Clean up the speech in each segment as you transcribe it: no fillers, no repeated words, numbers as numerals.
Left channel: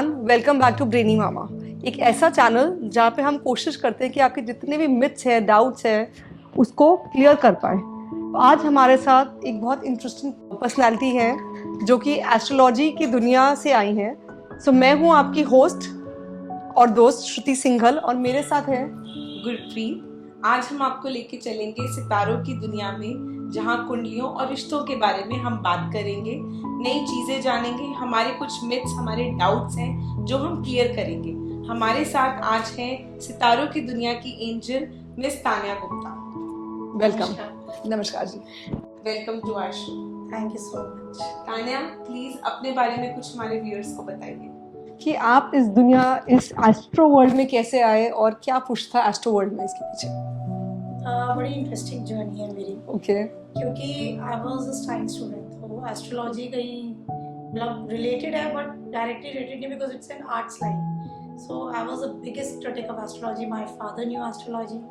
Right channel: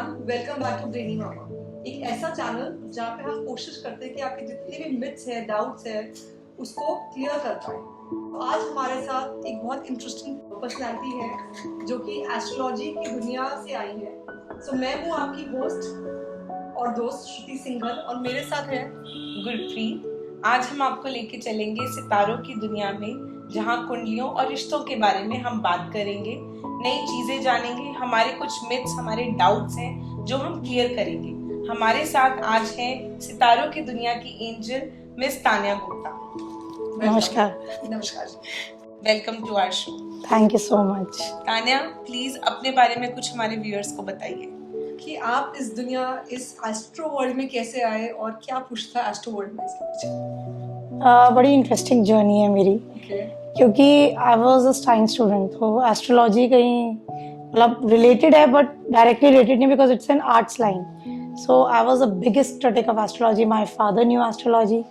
Everyone, welcome back to brainy मामा। एक ऐसा चैनल जहाँ पे हम कोशिश करते हैं कि आपके जितने भी मिथ्स हैं, डाउट्स हैं, उसको क्लियर कर पाए। तो आज हमारे साथ एक बहुत इंटरेस्टिंग पर्सनालिटी है जो कि एस्ट्रोलॉजी की दुनिया से आई हैं। सो मैं हूँ आपकी होस्ट और दोस्त श्रुति सिंघल और मेरे साथ है गुरप्रीत। आज हम आपको लेके चलेंगे सितारों की दुनिया में, जहाँ कुंडलियों और रिश्तों के बारे में हम बात करेंगे, नई चीजें जानेंगे, हमारे कुछ मिथ्स, हमारे डाउट्स हैं जो हम क्लियर करेंगे। हमारे साथ आज हैं सितारों की दुनिया की एंजल मिस तान्या गुप्ता। नमस्कार। नमस्कार ji, welcome to our show. Thank you so much. Tanya, please अपने बारे में कुछ हमारे व्यूअर्स को बताइए कि आप इस दुनिया, इस एस्ट्रो वर्ल्ड में कैसे आए और क्या पुश था एस्ट्रो वर्ल्ड में इसके पीछे? बड़ी इंटरेस्टिंग जर्नी है मेरी, क्योंकि I was a science student, तो एस्ट्रोलॉजी कहीं मतलब रिलेटेड है बट डायरेक्टली रिलेटेड नहीं, because it's an arts line. So I was the biggest critic of astrology. My father new astrology.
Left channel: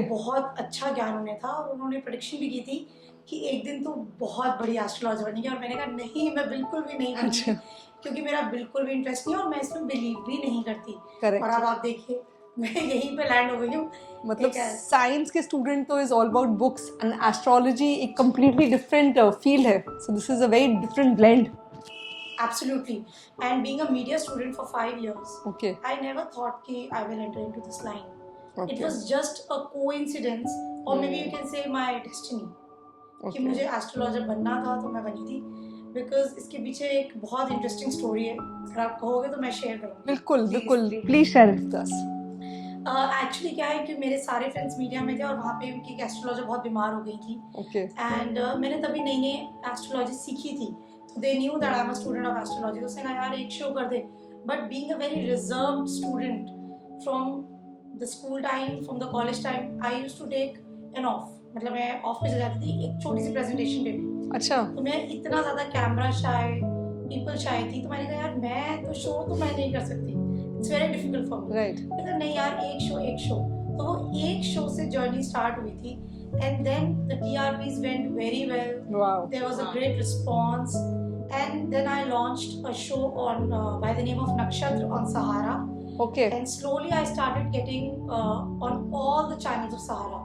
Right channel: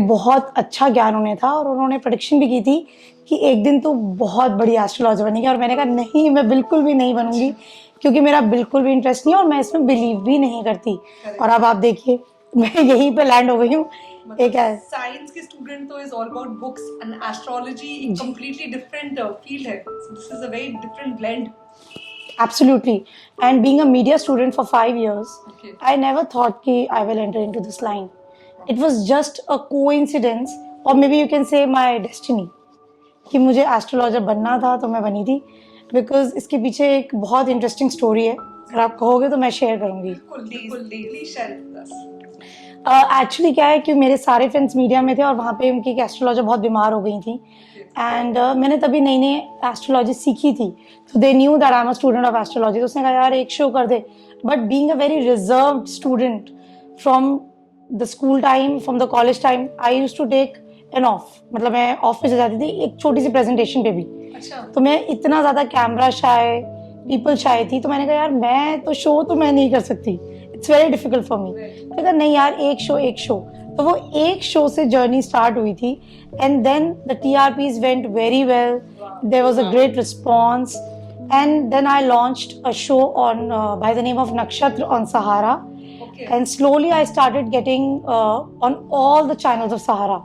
बहुत अच्छा ज्ञान उन्हें था और उन्होंने प्रेडिक्शन भी की थी कि एक दिन तो बहुत बड़ी एस्ट्रोलॉजर बनेगी, और मैंने कहा नहीं, मैं बिल्कुल भी नहीं बनूंगी, क्योंकि मेरा बिल्कुल भी इंटरेस्ट नहीं है और मैं इसमें बिलीव भी नहीं करती। और अब आप देखिए, मैं यहीं पे लैंड हो गई हूँ। मतलब साइंस के स्टूडेंट तो is all about books and astrology एक कंप्लीटली डिफरेंट फील्ड है। So this is a very different blend. Absolutely. And being a media student for 5 years, I never thought कि I will enter into this line. It was just a coincidence, or maybe you can say my destiny, कि मुझे astrologer बनना था तो मैं बनी थी। Because इसके पीछे एक बहुत इंटरेस्टिंग स्टोरी है, अगर आप कहोगे तो मैं शेयर करूंगी। बिल्कुल बिल्कुल, please share with us. Actually क्या है कि मेरे सारे फ्रेंड्स मीडिया में थे और वहाँ पे उनकी एस्ट्रोलॉजर बहुत बीमार हो गई थी, एंड मैंने तभी नई नई एस्ट्रोलॉजी सीखी थी, तो they knew that I am a student of astrology. तो उसने कहा यार एक शो कर दे। But being a very reserved student from the school time, from the college time, I used to take an off, मतलब मैं ऑफ पे चली जाती थी एक छोटी सी प्रेजेंटेशन पे भी। अच्छा। तो मैं इतना ज्यादा कैमरा शाय, पीपल शाय थी, तो मैंने कहा यार मैं तो शो तो मैं नहीं कर सकती, it's very difficult for me. तो कहा नहीं यार, एक शो। तो वो एक शो से जर्नी स्टार्ट हुई थी, and then the TRPs went very well, there was a great response, and then I launched a show on by the name of Nakshatra on Sahara. And slowly I started getting on all the channels of Sahara.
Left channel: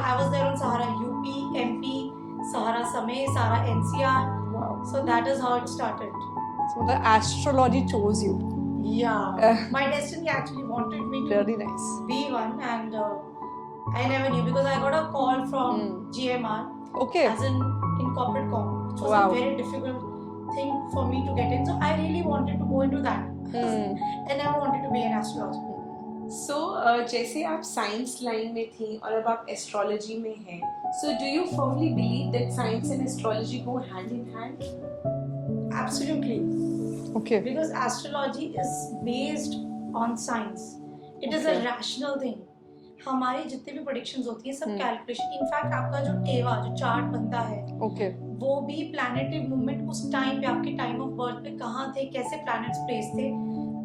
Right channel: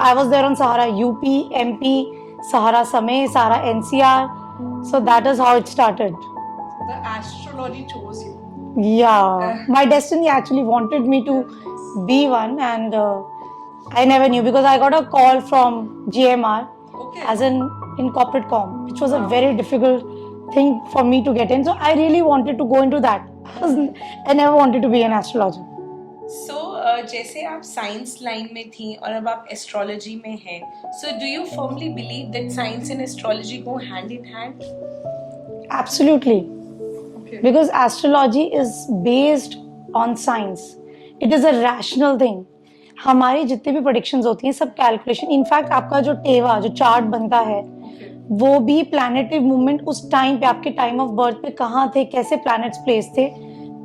I was there on Sahara UP, MP, Sahara Samay, Sahara NCR. So that is how it started. So the astrology chose you. Yeah, my destiny actually wanted me to be one, and I never knew, because I got a call from GMR as in corporate com, which was a very difficult thing for me to get in. So I really wanted to go into that. I never wanted to be an astrologer. So जैसे आप science line में थी और अब आप astrology में हैं, so do you firmly believe that science and astrology go hand in hand? Absolutely. Because astrology is based on science. It is a rational thing. हमारी जितने भी प्रेडिक्शंस होती हैं सब कैलकुलेशन। इनफैक्ट आपका जो टेवा, जो चार्ट बनता है, वो भी प्लैनेटरी मूवमेंट उस टाइम पे, आपके टाइम ऑफ बर्थ पे कहाँ थे, कैसे प्लैनेट्स प्लेस थे,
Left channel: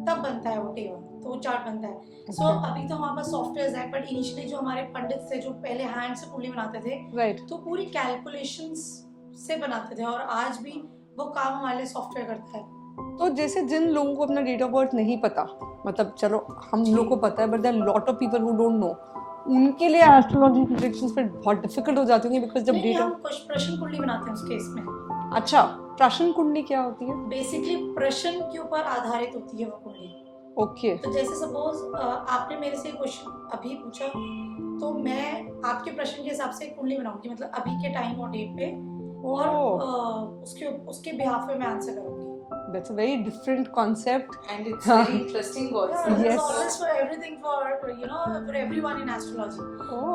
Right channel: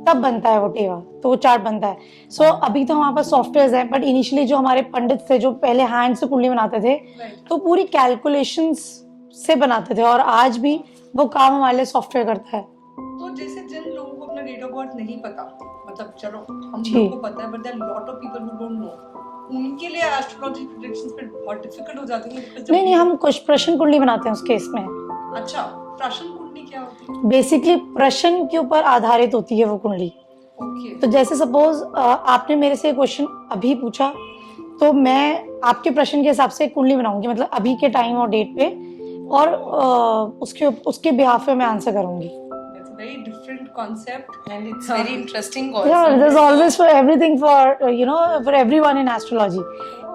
तब बनता है वो टेवा, तो वो चार्ट बनता है। सो अभी तो हमारे पास सॉफ्टवेयर हैं, बट इनिशियली जो हमारे पंडित थे, जो पहले हैंड से कुंडली बनाते थे, तो पूरी कैलकुलेशंस से बनाते थे, और आज भी वो काम हमारे लिए सॉफ्टवेयर करता है। तो जैसे जिन लोगों को अपना डेट ऑफ बर्थ नहीं पता, मतलब चलो हम लोगों को पता है, but there are lot of people who don't know, उनके लिए एस्ट्रोलॉजी प्रेडिक्शंस पे बहुत डिफिकल्ट हो जाती है, बिकॉज़ नहीं, हम कुछ प्रश्न कुंडली बनाते हैं उस केस में। अच्छा, प्रश्न कुंडली क्या होती है? बेसिकली प्रश्न के ऊपर आधारित होती है वो कुंडली। तो जैसे सपोज आपने मेरे से क्वेश्चन अभी पूछा, तो मैं आपके प्रश्न के हिसाब से कुंडली बनाऊंगी, मतलब अभी के टाइम और डेट पे, और उसके बिहाफ पे मैं आंसर करूंगी। That's a very different concept and it's very interesting also. Yeah, there's always for everything for everyone in astrology.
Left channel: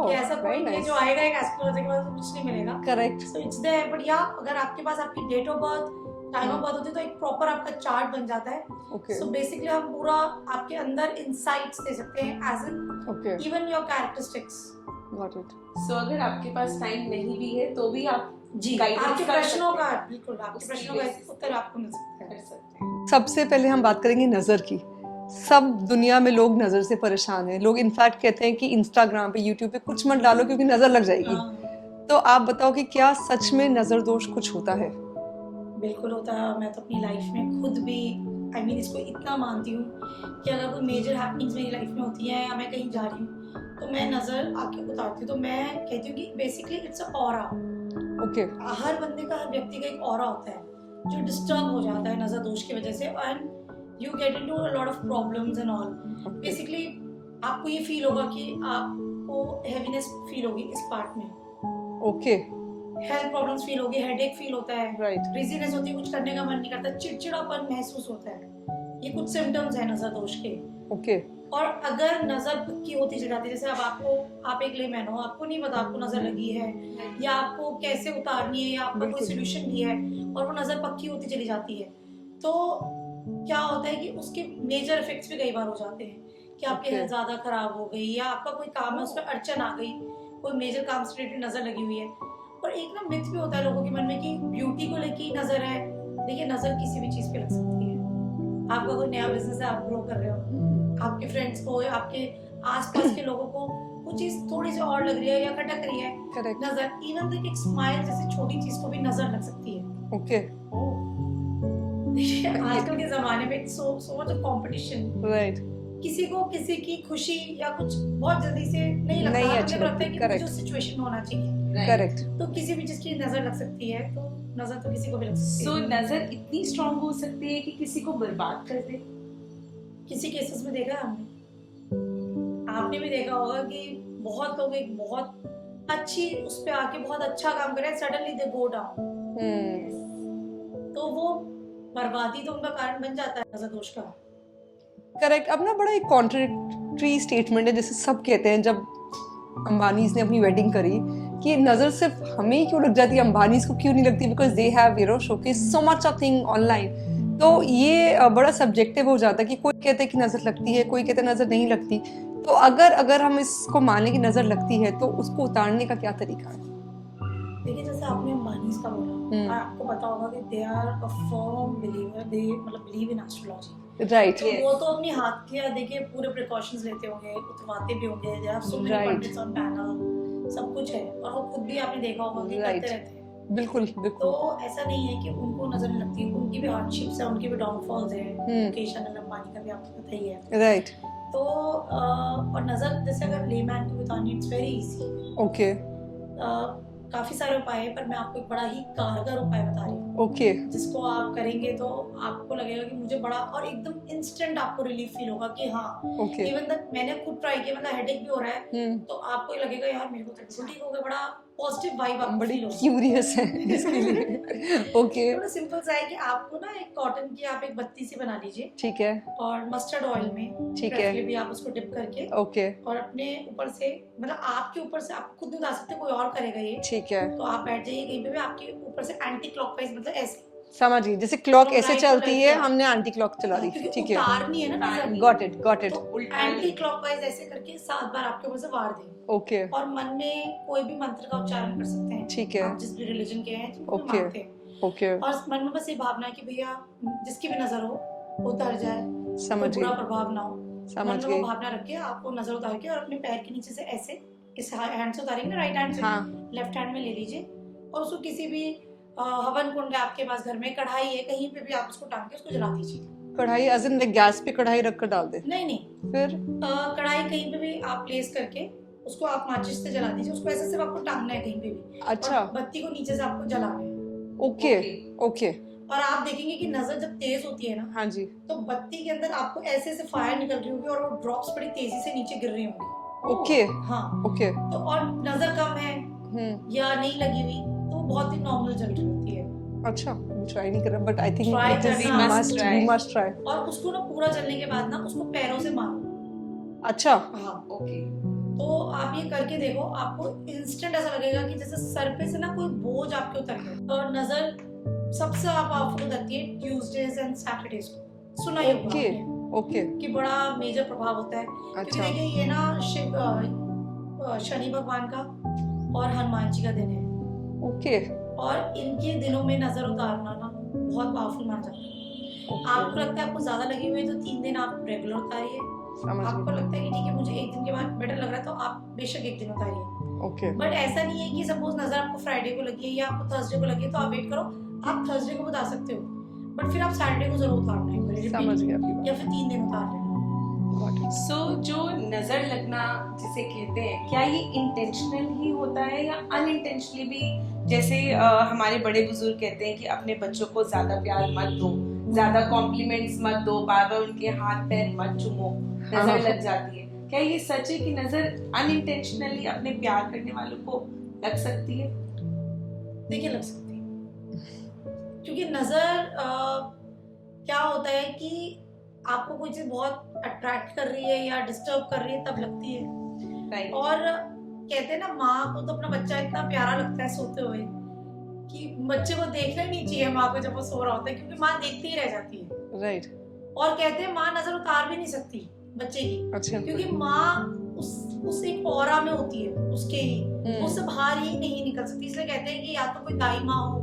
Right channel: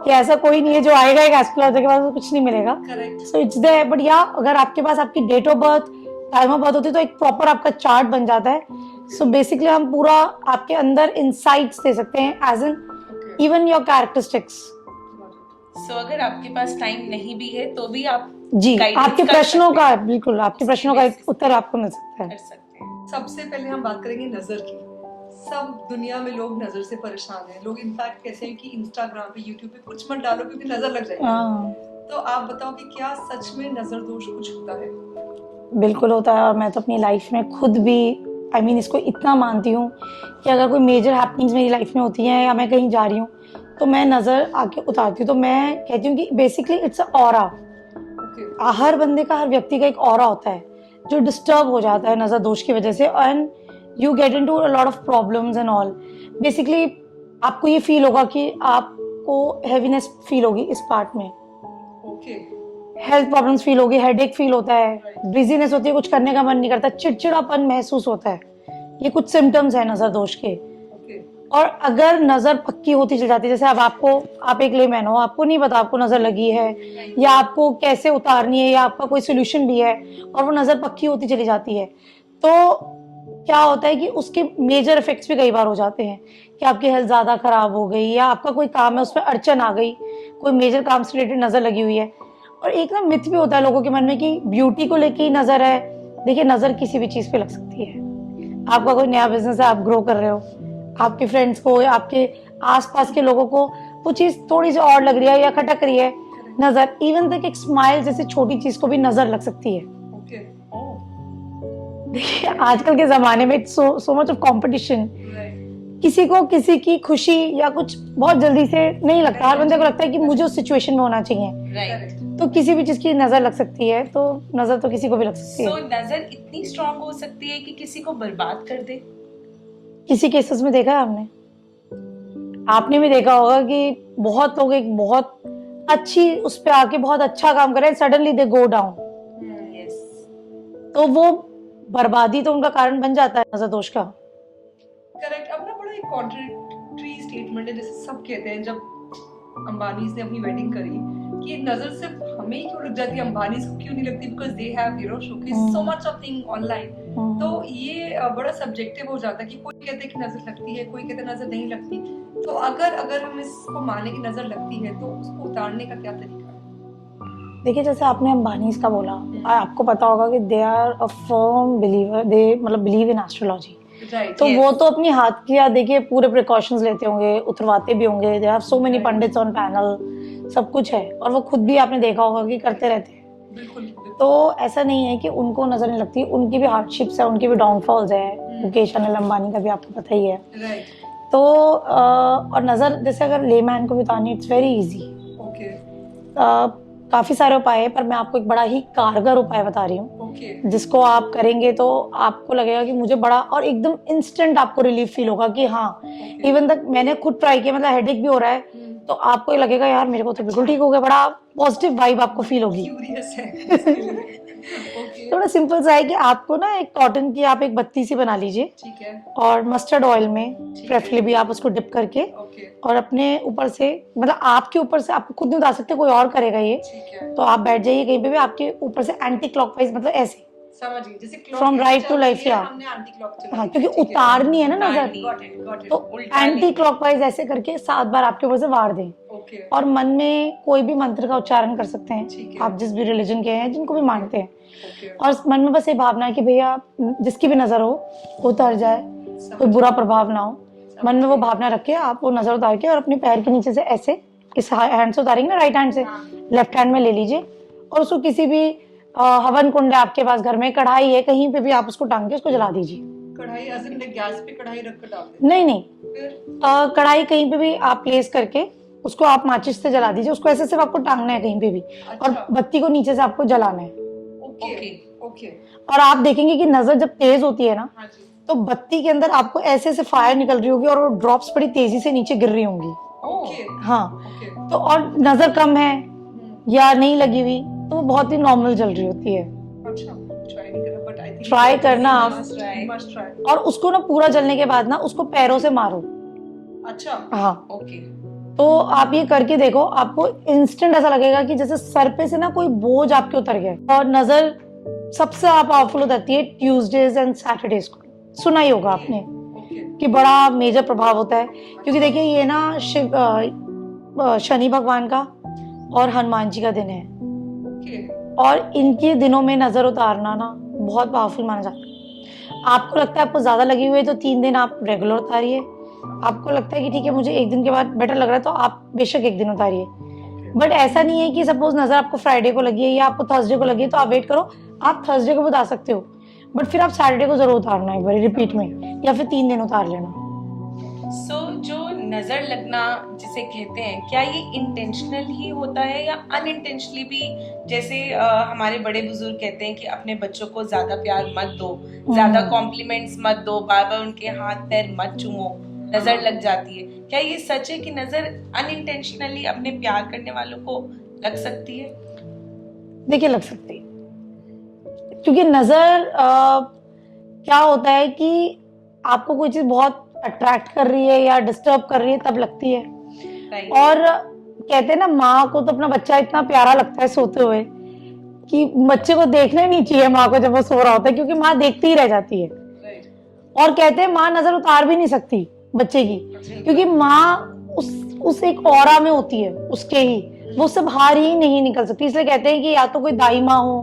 कि ऐसा कोई नहीं है जो आएगा एक एस्ट्रोलॉजर के पास तो कुछ नहीं मिलेगा। Correct. So it's there, but या अगर आपके पास आपकी date of birth, time of birth होती है, तो एक प्रॉपर आपका चार्ट बन जाता है। सो बेसिकली हम पूरा आपके अंदर इनसाइट्स दे सकते हैं, as in even your characteristics. So अगर आपके पास टाइम नहीं भी है तो भी आप जी आपके प्रश्नों का, बिल्कुल आपके प्रश्नों का एक उत्तर आपको मिल सकता है। सबसे पहले हम बात करेंगे नजर की। सब दुनिया में लोग नजर से परेशान हैं। लोग इनफैक्ट कहते हैं कि इंस्टाग्राम पे, यूट्यूब पे कुछ मत डालो क्योंकि नजर लग जाएगी। तो आप बताओ कि क्या सच में नजर दोष कुछ होता है? बिल्कुल होता है, और मैं तो अपनी लाइफ में खुद भी आई मीन इसको इतना मानती हूँ कि अगर कोई मेजर हैपनिंग्स मेरी लाइफ में होती हैं या मैं कहीं जा रही हूँ तो मैं नज़र आके उतारती हूँ। तो मैं कहती हूँ कि basically it's a aura. Okay हर बंदे का, हर व्यक्ति का एक ऑरा होता है जो डिस्टर्ब हो जाता है नज़र दोष की वजह से, and you get into a lot of problems and all. Basically आपको ये फील होगा कि आपको हैवीनेस फील होगी इस पार्ट में, ओके हेल्थ प्रॉब्लम्स फील होगी, हेडेक फील होता है, Right. बिजीनेस होती है, कुछ करने का मन नहीं करता, चिड़चिड़ापन महसूस होता है। ये कुछ सिम्टम्स है नजर दोष के। ओके और अगर नजर पक्की होती चली जाती है, जैसे अब आप एक लेमैन हो, आपको नहीं पता आपको नजर लगी है या आपको कैसे उतारनी है या आपका कोई सोल्यूशन भी है, और वो नजर पक्की होती चली जाती है, तो क्या होता है कि उसके मेजर इफेक्ट्स भी कई बार हो जाते हैं कि आपकी हेल्थ ज्यादा खराब हो गई या आपका कोई काम है उसमें अड़चन आ गई, कोई मेजर काम से रिलेटेड नजर लगी हुई है। और एक ना मिथ भी होता है लोगों के मन में कि ब्यूटी को लेके ही नजर है। देखिए, नजर किसी भी चीज पे लग सकती है। आपका कोई नया बिजनेस है, आप ग्रो कर रहे हो, आपके फ्रेंड्स को या आपके आसपास के लोगों को वो चीज थोड़ी सी और लग रही है या खटक रही है, करेक्ट नजर, इवन तक एक स्माइल जैसी छोटी चीज को भी नजर लग सकती है। ओके देखिए, आजकल के जमाने में so much of competition, right किसी को किसी की खुशी या कुछ बहुत जल्दी से नहीं लगता। नहीं हर बंदे को लगती, लगता है कि correct. मुझे उस सिचुएशन में होना चाहिए, राइट। करेक्ट तो किसी भी चीज की नजर लग सकती है। तो नजर तो किसी को भी लग सकती सो है। नजर इतनी स्ट्रांग हो सकती है कि किसी को बर्बाद कर दे। किसी केसेस में देखा है आपने भी देखा होगा कि बहुत लोग एक बहुत अच्छी उस पे आके बहुत अच्छा काम कर रहे हैं, सडनली दे गो डाउन, तो वो बर्बादी तो उनका कारण बन जाता है नजर दोष का। करेक्ट। अब ना बड़ा एक कॉन्ट्रडिक्टरी स्टेटमेंट है, जैसे सब कहते हैं जब अंबानीज ने अपनी वेडिंग करी कि नजर सिर्फ हमें ही क्यों लग जाती है, अंबानीज को क्यों नहीं लगती, because they have you know showcase so much of thing online. तो ये बड़ा सब्जेक्टिव हो जाता है कि कोई कहते हैं कि नजर लगती है, कोई कहते हैं नजर नहीं लगती। तो अगर हम इसको माने कि नजर लगती है तो उसको उतारने का क्या तरीका है? देखिए, जैसे आपने अंबानीज का बोला, आपको पता होगा कि they are a firm believer, they मतलब बिलीव इन एस्ट्रोलॉजी, राइट। तो वो तो अपनी हाथ की देखिए पूरे प्रिकॉशंस लेते होंगे, उतरवाते भी होंगे, they have so many Right. Pandits on panel, सब कुछ है, और वो खुद भी आपने देखा होगा कि Right. करते रहते हैं। बिल्कुल तो ऐसा नहीं है कि उनको नजर नहीं लगती, उनकी भी हार्डशिप्स है, उनकी भी डाउनफॉल्स है। मुकेश अनिल अंबानी का भी आपको पता ही है। राइट। तो और नजर जैसे अगर लेमैन को भी उतारनी, इट्स वेरी इजी। ओके काफी सारे उपाय है, पर मैं आपको एक बड़ा ही कारगर उपाय बता रही हूँ, ओके जिसको आप करेंगे तो आपको लगेगा कि मुझे बड़ा, और एकदम इंस्टेंट आपको रिलीफ फील होगा कि हाँ, ओके। इवन तक मैंने खुद ट्राई किया, मतलब हेडेक भी हो रहा है तो आपको ये लगेगा यार मेरे को तो बिल्कुल ठीक हो गया, बड़ा पॉजिटिव वाइब आपको फील होगी। क्यूरियस है इसके लिए। ओके थोड़ा सिंपल सा है कि आपको ना एक कॉटन की आप एक बत्ती सी बना लीजिए, ठीक है। और मस्टर्ड ऑयल में ठीक है। प्रेफरेबली भी आप उसको डिप करके, ओके और अपने ऊपर से, मतलब आपके ऊपर से, आप खुद नहीं उतार सकते, कोई और करेगा ये, ठीक है। तो आप बैठ जाइए कहीं पे भी, आपके ऊपर से एंटी क्लॉकवाइज, मतलब ऐसे, समझिए जैसे क्लॉक From ऐसे right to चलती left, है, yeah. हमने एंटी क्लॉक चला हाँ, दी, क्योंकि ठीक है। उतारनी है ना नजर, उतारनी। Got it got it. तो उल्टा एंटी नहीं। क्लॉकवाइज ऐसे करके 7 बार आपके ऊपर से वार दें, ओके और मन में कोई भी मंत्र का उच्चारण कर सकते हैं, ठीक है। आप जिस भी रिलीजन के हैं, जिनको भी Okay. मानते हैं, ओके और मन में बस ये भावना है कि भैया जिसकी भी नजर हो वो उतर जाए, कोई समझ बुरा गई, प्रभाव ना हो। समझ मन में वो गई। भावना रख के आप वो नजर उतार के, और अपने पैर के नीचे से ऐसे, इस हैंड से उतारेंगे ना, राइट हैंड से, हाँ। लेफ्ट हैंड में ले लीजिए, और उसको किसी भी हवन कुंड है आपके पास, घर में कढ़ाई है, कहीं पे भी आप उसको टांग के उसको जला दीजिए। कढ़ाई एज इन गैस पे कढ़ाई रख कर डाल दे, नहीं, फिर कढ़ाई कहीं पे भी आप प्लेस करके उसको आप माचिस से जला दीजिए, उसको ऐसे सिर्फ आपको टांगना है कहीं पे भी, अच्छा। और बत्ती को नीचे से आपको जलाना है। Okay Okay. ओके और आप देखेंगे कि नजर जब तेज होती है ना, हाँ जी। तो बत्ती के अंदर आपको ऐसे से फायर निकल रही होगी, और वो ड्रॉप्स बड़ी तेजी से नीचे गिर रही होंगी। ओके हाँ, ओके तो और नजर कम है या नहीं लगी हुई, तो वो बहुत ही नॉर्मल जल रही होती है। अच्छा, ट्राई नहीं करा, बट आई थिंक Try करना, मस्ट try. Must try. और उसको ना पूरा जलने के बाद ना उसको पैरों से मारो। अच्छा हाँ, ओके। तो आप ये करके देखो, आपको इंस्टेंट ऐसा लगेगा कि जैसे सर पे से ना कोई बोझ आपके उतर गया। और नजर सबसे पावरफुल हो जाती है ट्यूसडेज एंड सैटरडेज को, सुना ही होगा ओके आपने ओके कि बड़ा मेजर प्रभाव होता है, क्योंकि अच्छा। देखिए ये ना शनि भगवान का और हनुमान जी का दिन है, ओके और इनके दिनों में नजर उतारना ना बहुत पावरफुल माना जाता है। आपको लगता है आपको ज्यादा लगी हुई है तो 3 दिन आप रेगुलर उतारिए, आपको लगता है कि ठीक है मुझे 1 दिन के बाद बेटर लग रहा है तो आप बेशक 1 दिन उतारिए। ओके बट ऐसा नहीं है कि सपोज नजर आपको फ्राइडे को लगी है या आपको थर्सडे को लगी है तो आप वेट करो, आप थर्सडे को भी उतार सकते हो। बट फिर आप सैटरडे को जरूर उतारना एक बार रिपीट समझ में, या फिर 3 दिन उतार लेना। सो जो नजर लगना जिसे कहते हैं, क्या ये इंटेंशनल ही होता है या अनइंटेंशनली भी? जैसे हमारे बड़े बुजुर्ग कहते हैं कि अपने बच्चों को ज्यादा प्यार मत दो, ज्यादा कॉम्प्लीमेंट्स मत दो, बार बार उनके हाथ पैर मत चूमो, नजर लग जाती है। क्या ये सच है कि नजर अनइंटेंशनली अपने प्यार करने वालों को लग सकती है? देखिए लग सकती है, क्योंकि नजर क्या होता है कि आपको कोई चीज बहुत अट्रैक्ट कर रही है या डिस्टर्ब कर रही है तब लगती है। Right. और कहते हैं ना, माँ को तो अपना बच्चा इतना प्यारा लगता है सोते हुए कि बच्चे को देखना ही नहीं चाहिए माँ को जब वो सो रहा होता है, क्योंकि माँ देखती ही रह जाती है। राइट। और कहते हैं माँ नजर उतार भी नहीं सकती बच्चे की, अच्छा। क्योंकि माँ उस एक ऑरा में होती है उसके ही, वो सब बाहर ही नहीं निकल सकती। इसलिए कहते हैं कि या तो कोई दाई माँ हो,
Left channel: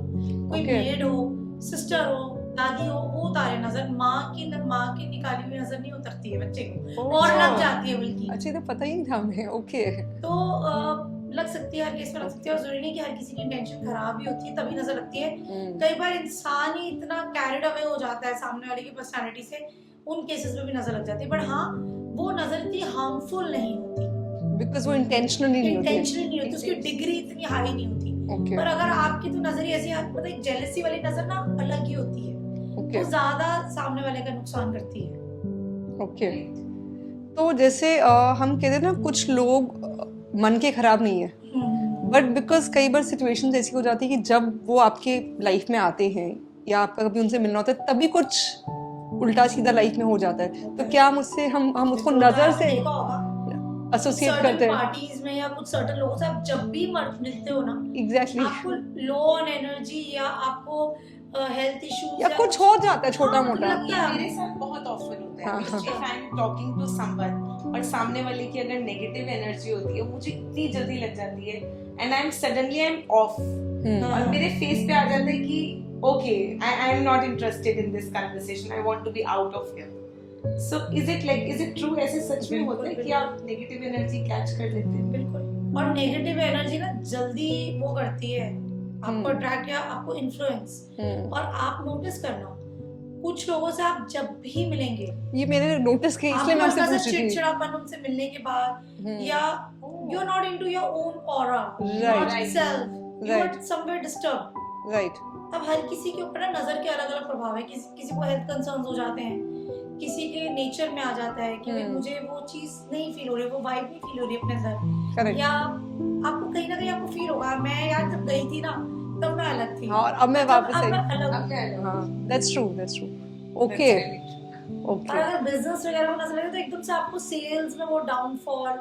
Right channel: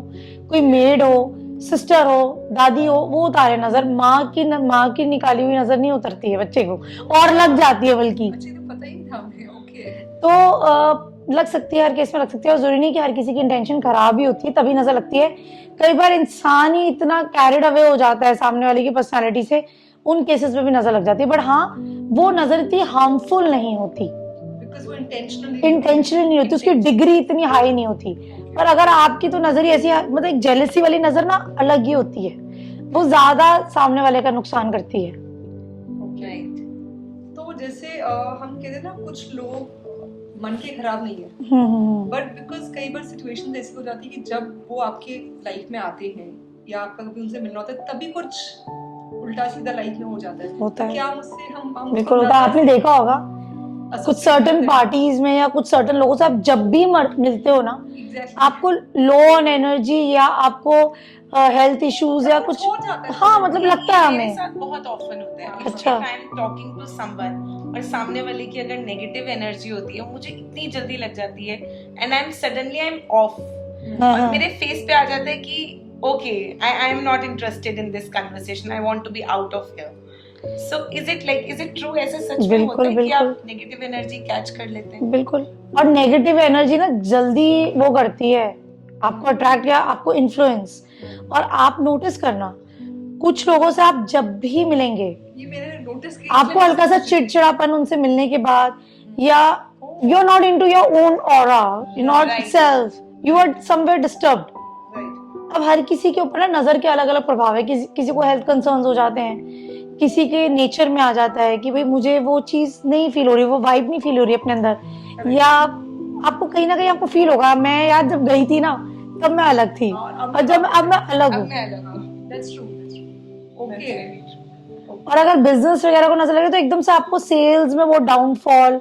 कोई मेड हो, सिस्टर हो, दादी हो, वो उतारे नजर। माँ की निकाली हुई नजर नहीं उतरती है बच्चे को, और लग जाती है बल्कि। अच्छा, तो पता ही नहीं था हमें। ओके। तो लग सकती है, हर केस में लग सकती है, और जरूरी नहीं कि हर किसी की इंटेंशन खराब ही होती है तभी नजर लगती है। कई बार इंसान ही इतना कैरिड अवे हो जाता है सामने वाले की पर्सनालिटी से, उन केसेस में भी नजर लग जाती है। बट हाँ, वो नजर इतनी हार्मफुल नहीं होती, बिकॉज़ वो इंटेंशनली नहीं होती, उसकी डिग्री इतनी हाई नहीं होती। Okay. पर अगर आपकी तो नजर ही ऐसी, मतलब एक जेलसी वाली नजर ना अलग ही होती है, वो ज्यादा सामने वाले का नुकसान करती है। ओके। तो जैसे हम कहते हैं ना, कुछ लोग मन के खराब नहीं है, बट बिकॉज कई बार सिचुएशन ऐसी हो जाती है कि जब वो आपके लाइफ में आते हैं या आपका कभी उनसे मिलना होता है, तभी कुछ उल्टा सीधा लाइफ में हो जाता है। होता तो है। क्या मुझसे हम उसको बिल्कुल होता है, नजर आपने से देखा होगा कुछ associate सर्टेन करते हैं। पार्टीज में या कुछ सर्टेन लोगों से आप जब भी मिलते हो ना, Exactly. आपको लो ऑन एनर्जी या आपको हेल्थ इश्यूज या कुछ हो जाता है। हाँ, मतलब लगता है मेरे हमें। साथ बहुत ऑफन होता है। अच्छा। I am talking to someone और सामने वाले की अगर नेगेटिव एनर्जी होती है, मुझे इतनी जल्दी लग जाती है, and I am suddenly off, और मेरे फेस पे आ जाता है कि okay, I am not interested in this conversation, I want to be out of here. So is it true, ऐसे सच में होता है कि आप नेगेटिव एनर्जी कैच कर लेते हैं? बिल्कुल। और नेगेटिव एनर्जी ना जल्दी वो करती है आपको अट्रैक्ट या आपको इन्फ्लुएंस। और आप नोटिस करना, कुछ लोगों से आप जब भी मिलेंगे, ये मैंने नोटिस किया, आपको हल्का सा चिड़चिड़ापन उनसे मिलने के बाद, या you are not into your own aura, not self, you are somewhere disturbed. Right. अब हर किसी के ऊपर ना नजर के अलग अलग प्रभाव है। किसी को हेल्थ कंसर्न्स हो जाते हैं, किसी के नेचर में आ जाता है कि भाई मुझे वो चीज नहीं फील हो रही, वो वाइब नहीं फील हो रही अपने अंदर। Correct. या आपको कहीं ना कहीं आपको फील होगा, मैं यार जब गई थी ना तब मैं अलग थी, और अब और जब अब मैं अलग हूँ। That's true. ओके। और अगर बिजनेस वगैरह को नजर लगे तो एकदम से आपको सेल्स में वो डाउनफॉल,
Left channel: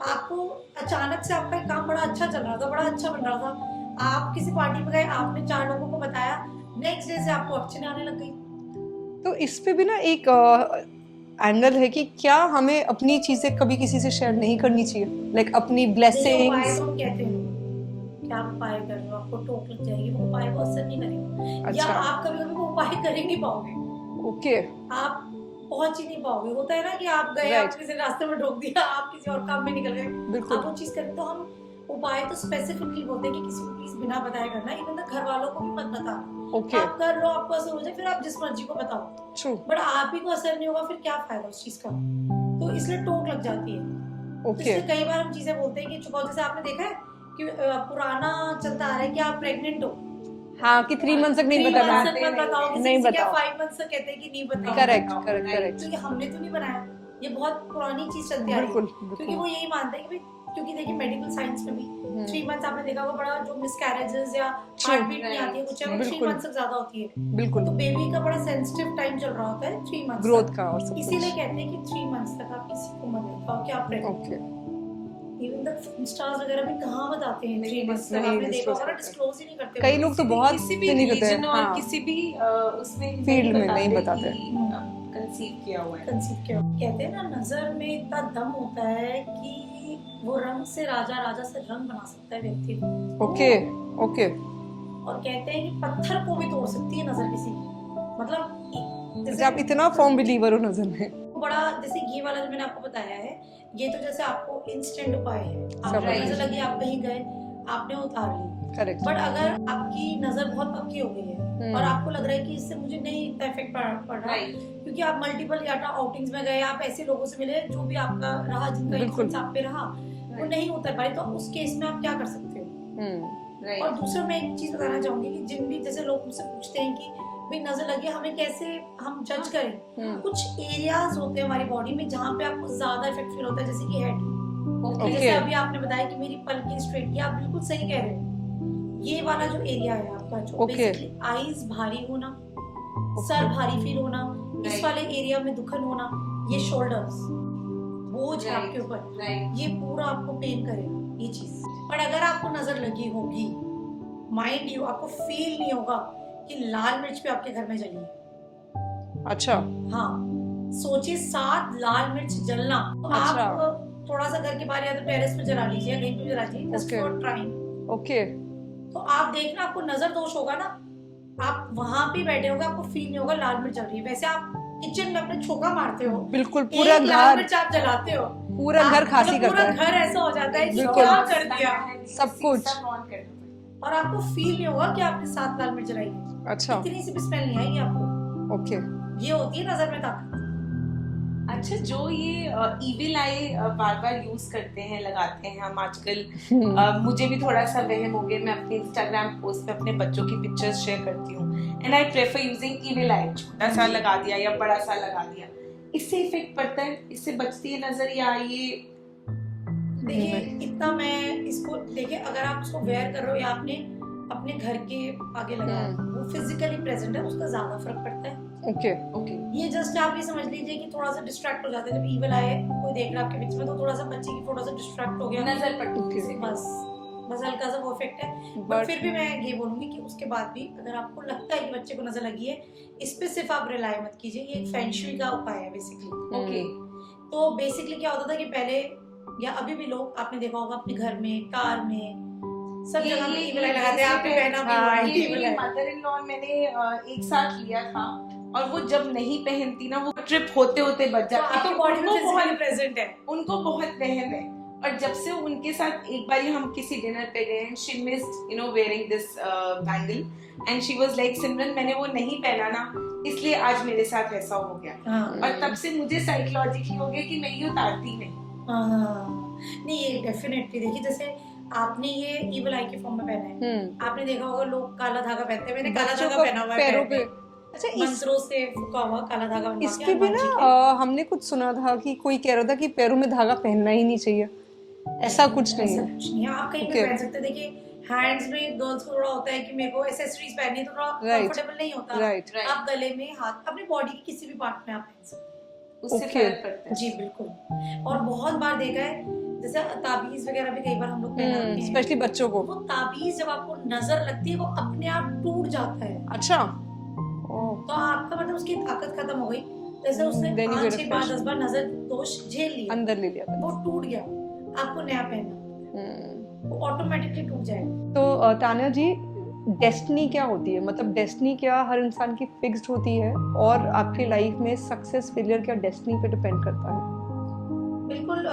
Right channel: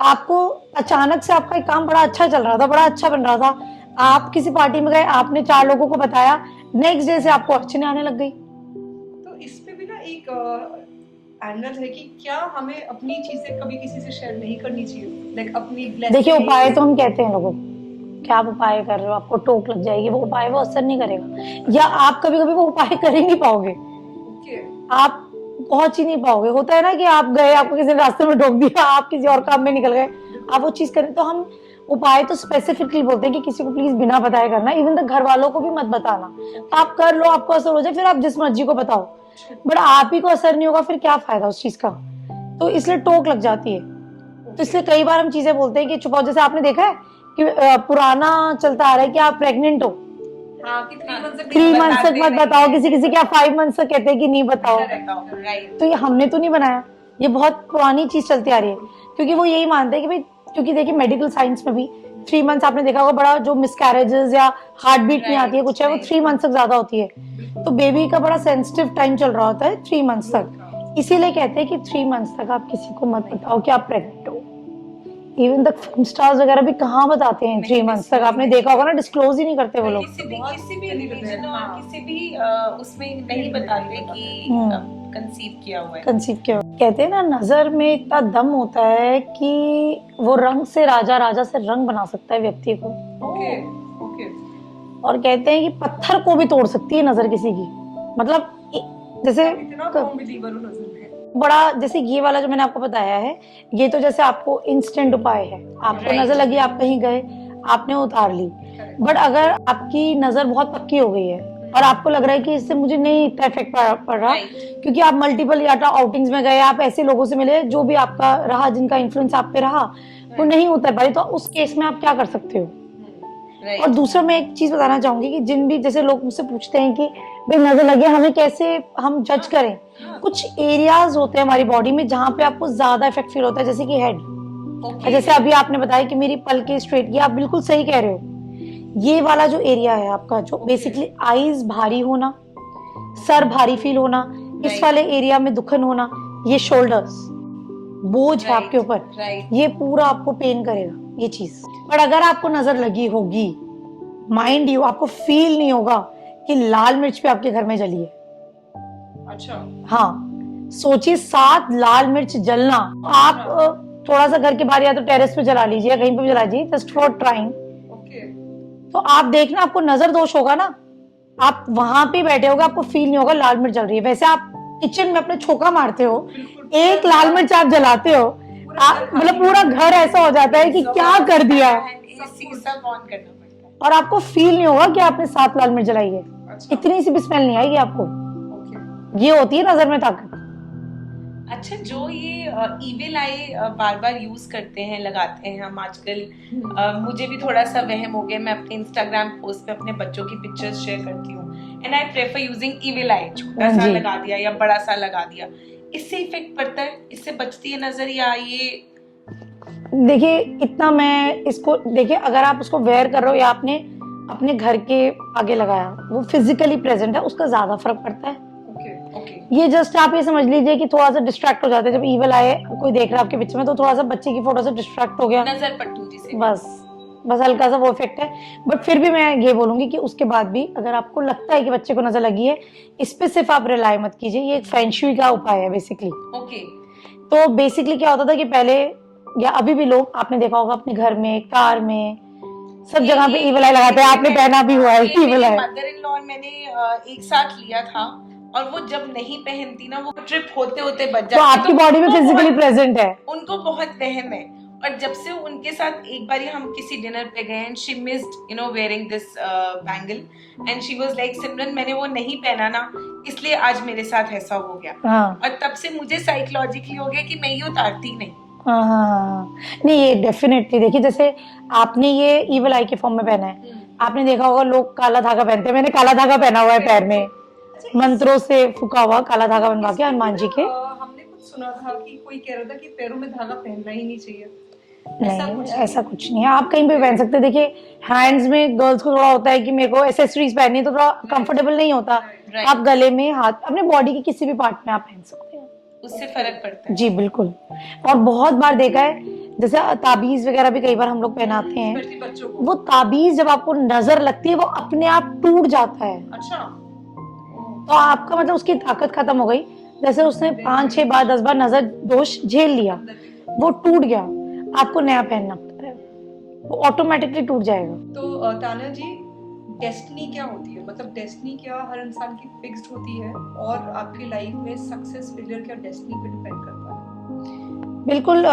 आपको अचानक से आपका एक काम बड़ा अच्छा चल रहा था, बड़ा अच्छा बन रहा था, आप किसी पार्टी में गए, आपने 4 लोगों को बताया, नेक्स्ट डे से आपको अड़चने आने लग गई। तो इस पे भी ना एक एंगल है कि क्या हमें अपनी चीजें कभी किसी से शेयर नहीं करनी चाहिए, लाइक अपनी ब्लेसिंग्स। देखिए, उपाय तो हम कहते हैं लोगों को, क्या आप उपाय कर रहे हो, आपको टोक लग जाएगी, वो उपाय वो असर नहीं करेगा। या आप कभी कभी वो उपाय कर ही नहीं पाओगे, ओके। आप पहुंच ही नहीं पाओगे। होता है ना कि आप गए, आपको किसी ने रास्ते में टोक दिया, आप किसी और काम में निकल गए, आप वो चीज करें। तो हम उपाय तो स्पेसिफिकली बोलते हैं कि किसी को प्लीज बिना बताए करना, इवन तक घर वालों को भी मत बताना। Okay. आप कर लो, आपको असर हो जाए, फिर आप जिस मर्जी को बताओ, बट आप ही को असर नहीं होगा, फिर क्या फायदा उस चीज का। तो इसलिए टोक लग जाती है। तो इसलिए कई बार हम चीजें बोलते हैं कि छुपाओ। जैसे आपने देखा है कि पुराना चलता आ रहा है कि आप प्रेग्नेंट हो, हाँ, कि 3 मंथ्स तक 3 मंथ तक मत बताओ किसी क्या 5 मंथ तक कहते हैं कि नहीं बताओ। करेक्ट। तो ये हमने तो नहीं बनाया, ये बहुत पुरानी चीज चलती आ रही है, क्योंकि वो यही मानते हैं कि भाई, क्योंकि देखिए मेडिकल साइंस में भी 3 मंथ्स आपने देखा होगा, बड़ा जो मिसकैरेजेस या हार्ट बीट नहीं आती है कुछ है, वो 3 मंथ्स तक ज्यादा होती है। बिल्कुल। तो बेबी का बड़ा सेंसिटिव टाइम चल रहा होता है 3 मंथ्स ग्रोथ तक, का और सब। इसीलिए कहते हैं कि 3 मंथ्स तक आप किसी को मत बताओ कि आप प्रेग्नेंट हो। इवन तक फिल्म स्टार्स वगैरह भी कहाँ बताते हैं 3 मंथ्स तक, आपने देखा होगा ना, डिस्क्लोज ही नहीं करते वो कई लोग। लोग तो बहुत किसी भी नहीं करते हैं। रीजन और हाँ। किसी भी उसमें नहीं फील्ड में नहीं बताते बताते। कि कंसीव किया हुआ है। कंसीव किया। कहते हैं ना, नजर में इतना दम होता है कि वो रंग से राजा, राजा से रंग बना सकता है व्यक्ति को। ओके। ओके। और कहते हैं कि पत्थर को भी तोड़ सकती है नजर किसी की। मतलब जैसे आप इतना फर्म बिलीवर हो नजर में। बड़ा, जैसे ये वाला जो मैंने आपको बताया है, ये तो जैसे आपको इंस्टेंट उपाय है, आपको नजर लगी, आप कहीं गए, आपने उतार ली। करेक्ट। बट अगर आपकी नजर बहुत पक्की हो गई है, और आपको लग रहा है कि इससे मुझे नहीं इतना इफेक्ट पड़ रहा, Right. क्योंकि आप मल्टीपल या तो आउटिंग्स में गए, आप ऐसे लोगों से मिले जो भी आपका रहा, जिनका इन्फ्लुएंस आप पे रहा, वो नहीं उतर पाए, तो उस केस में आप क्या कर सकते हो। Right. और दूसरा मैं एक चीज बताना चाहूंगी कि जिन भी जैसे लोग मुझसे पूछते हैं कि भाई नजर लगे, हमें कैसे हम जज करें। कुछ एरियाज होते हैं हमारी बॉडी में जहाँ पे आपको ज्यादा इफेक्ट फील होता है, जैसे कि हेड। Okay. जैसे अभी आपने बताया कि मेरी पलके स्ट्रेट, ये आप बिल्कुल सही कह रहे हो। ये वाला जो एरिया है आपका, जो Okay. बेसिकली आईज भारी होना, सर भारी फील होना, इस Right. वाले एरिया में दुखन होना, ये शोल्डर्स बोझ है Right. आपके ऊपर, Right. ये पूरा आपको पेन करेगा ये चीज। पर अगर आपको नजर लगी होगी, माइंड यू, आपको फील नहीं होगा कि लाल मिर्च भी आपके घर में जली है। अच्छा। हाँ, सोचिए 7 लाल मिर्च जलना। आप थोड़ा सा घर के बाहर या तो टेरेस पे जला लीजिए या कहीं पे भी जला लीजिए, जस्ट फॉर ट्राइंग। ओके। तो आप देखना, आपको नजर दोष होगा ना, आप वहां पे बैठे होगे, आपको फील नहीं होगा लाल मिर्च जल रही है। वैसे आप किचन में अपने छोका मारते हो, बिल्कुल। एक लाल मिर्च आप जलाते हो, पूरा आप- घर खांसी मतलब पूरा करता है। घर ऐसा हो जाता है कि क्या कर दिया है, सब कुछ। सब ऑन करना पड़ता है। और आपको फील नहीं होगा कि आपने 7 लाल मिर्च जलाई है। अच्छा। इतनी सी भी स्मेल नहीं आएगी आपको। ओके। ये होती है नजर में ताकत। अच्छा, जो ये इविल आई बार बार यूज करते हैं, लगाते हैं हम आजकल, मुझे भी थोड़ा सा वहम हो गया। मैं अपने इंस्टाग्राम पोस्ट पे अपने बच्चों की पिक्चर्स शेयर करती हूँ, and I prefer using evil eye. छोटा सा जी। लगा दिया या बड़ा सा लगा दिया, इससे इफेक्ट पड़ता है, इससे बचती है नजर, या ये देखिए, इतना मैं इसको देखिए, अगर आप उसको वेयर कर रहे हो या आपने अपने घर के आगे लगाया, वो फिजिकली प्रेजेंट है, उसका ज्यादा फर्क पड़ता है। ओके। ओके। ये जस्ट आप ये समझ लीजिए कि थोड़ा सा डिस्ट्रैक्ट हो जाते हैं। जब ईवल आए, कोई देख रहा है आपके पीछे में, तो थोड़ा सा बच्चे की फोटो से डिस्ट्रैक्ट हो गया, नजर पटूती से बस हल्का सा वो इफेक्ट है। बट फिर भी मैं ये बोलूंगी कि उसके बाद भी अगर आपको लगता है कि बच्चे को नजर लगी है, इस पे सिर्फ आप रिलाई मत कीजिए। ये एक फेंगशुई का उपाय है बेसिकली। ओके। तो बेसिकली क्या होता था कि पहले या अभी भी लोग, आपने देखा होगा अपने घर में, कार में, सब जगह पे ईवल आई लगाते हैं। आपने पहना भी हुआ है evil I. Mother in law और मैंने एक साथ लिया था, और वो जब नहीं पहनती ना, वो ट्रिप होते होते बच जाती। तो आपकी बॉडी में उनको फिजिकली बहुत- प्रेजेंट है। उनको बहुत वहम है। और जब से उनके साथ एक बार हम किसी डिनर पे गए, and she missed wearing this bangle, and she was like, Simran मैंने वो नहीं पहना ना, इसलिए आज मेरे साथ ऐसा हो गया। हाँ और तब से मुझे साइकोलॉजिकली हो गया कि मैं ये उतारती नहीं। हाँ, नहीं ये डेफिनेटली, देखिए जैसे आपने ये ईवल आई के फॉर्म में पहना है, आपने देखा होगा लोग काला धागा पहनते हैं। मैंने काला धागा पहना हुआ है पैर में, अच्छा, मंत्रों से फूका हुआ काला धागा बनवा के इसके भी हनुमान जी ना, के। हमने कुछ सुना था कि कोई कह रहा था कि पैरों में धागा पहनना ही नहीं चाहिए। ऐसा कुछ नहीं ऐसा है। कुछ नहीं है, आप कहीं भी पहन सकते हैं। देखिए हैंड्स में गर्ल्स को थोड़ा होता है कि मेरे को एसेसरीज पहननी है, तो थोड़ा कंफर्टेबल नहीं होता। राइट। Right. आप गले में, हाथ, अपने बॉडी के किसी भी पार्ट में आप पहन सकते हैं। उससे फर्क पड़ता है। जी बिल्कुल। और बहुत बार देखा है, जैसे ताबीज वगैरह भी कई बार हम लोग पहनाते हैं, स्पेशली बच्चों को। वो ताबीज जब आपको नजर लगती है, वो अपने आप टूट जाता है। अच्छा। तो आपका मतलब उसकी ताकत खत्म हो गई। जैसे उसने 5-6 बार 10 बार नजर दोष झेल लिया, अंदर ले लिया। वो टूट गया, आपको नया पहनना पड़ता है, वो ऑटोमेटिकली टूट जाएगा। तो तान्या जी, डेस्टिनी क्या होती है? मतलब डेस्टिनी क्या हर इंसान की फिक्स्ड होती है, और आपकी लाइफ में सक्सेस फेलियर क्या डेस्टिनी पे डिपेंड करता है? बिल्कुल,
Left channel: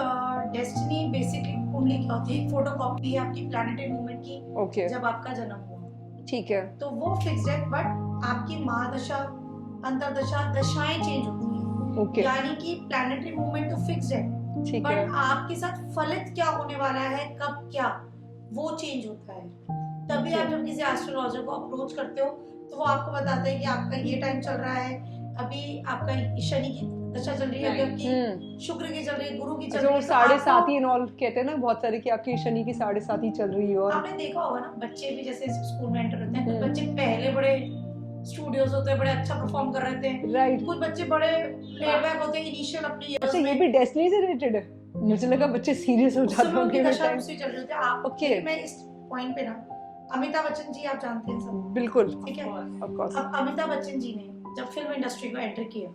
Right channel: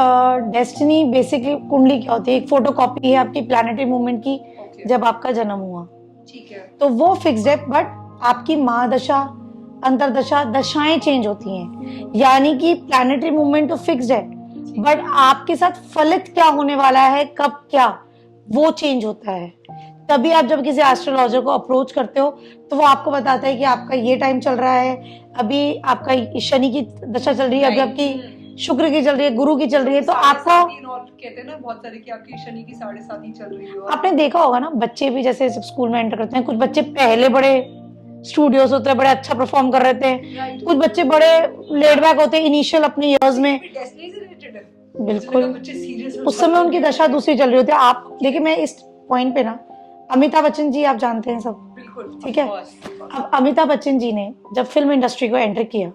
डेस्टिनी बेसिकली कुंडली क्या होती है, एक फोटोकॉपी है आपकी प्लैनेटरी मूवमेंट की। ओके। जब आपका जन्म हुआ, ठीक है। तो वो फिक्स्ड है, बट आपकी महादशा, अंतरदशा, दशाएं चेंज होती हैं। ओके। यानी कि प्लैनेटरी मूवमेंट तो फिक्स्ड है, ठीक बट है। आपके साथ फलित क्या होने वाला है, कब क्या, वो चेंज होता है। तभी आप जब किसी एस्ट्रोलॉजर को अप्रोच करते हो, तो वो आपको बताता है कि आपका ये टाइम चल रहा है, अभी आपका शनि की दशा चल रही है, अभी आपकी शुक्र की चल रही है, गुरु की चल रही है। तो आपका, इन्वॉल्व कहते हैं ना बहुत सारे कि आपकी शनि की 7.5 चल रही है। आपने देखा होगा ना, बच्चे भी जैसे जब स्कूल में एंटर करते हैं, कुछ बच्चे पहले बड़े स्टूडियोज होते हैं, बड़े अच्छा परफॉर्म कर रहे थे, राइट। कुछ बच्चे बड़े लेड बैक होते हैं इनिशियल अपने इयर्स में। भी डेस्टिनी से रिलेटेड है। बिल्कुल। बच्चे सीरियस उस समय उनकी दशा दूसरी चल रही होती है। आप Okay. देखिए, मैं इस पॉइंट पे ना, अमिताभ बच्चन जी आप जानते हैं सब, बिल्कुल। ठीक है। Of course. अब अमिताभ बच्चन जी ने जब फिल्म इंडस्ट्री को एंटर किया,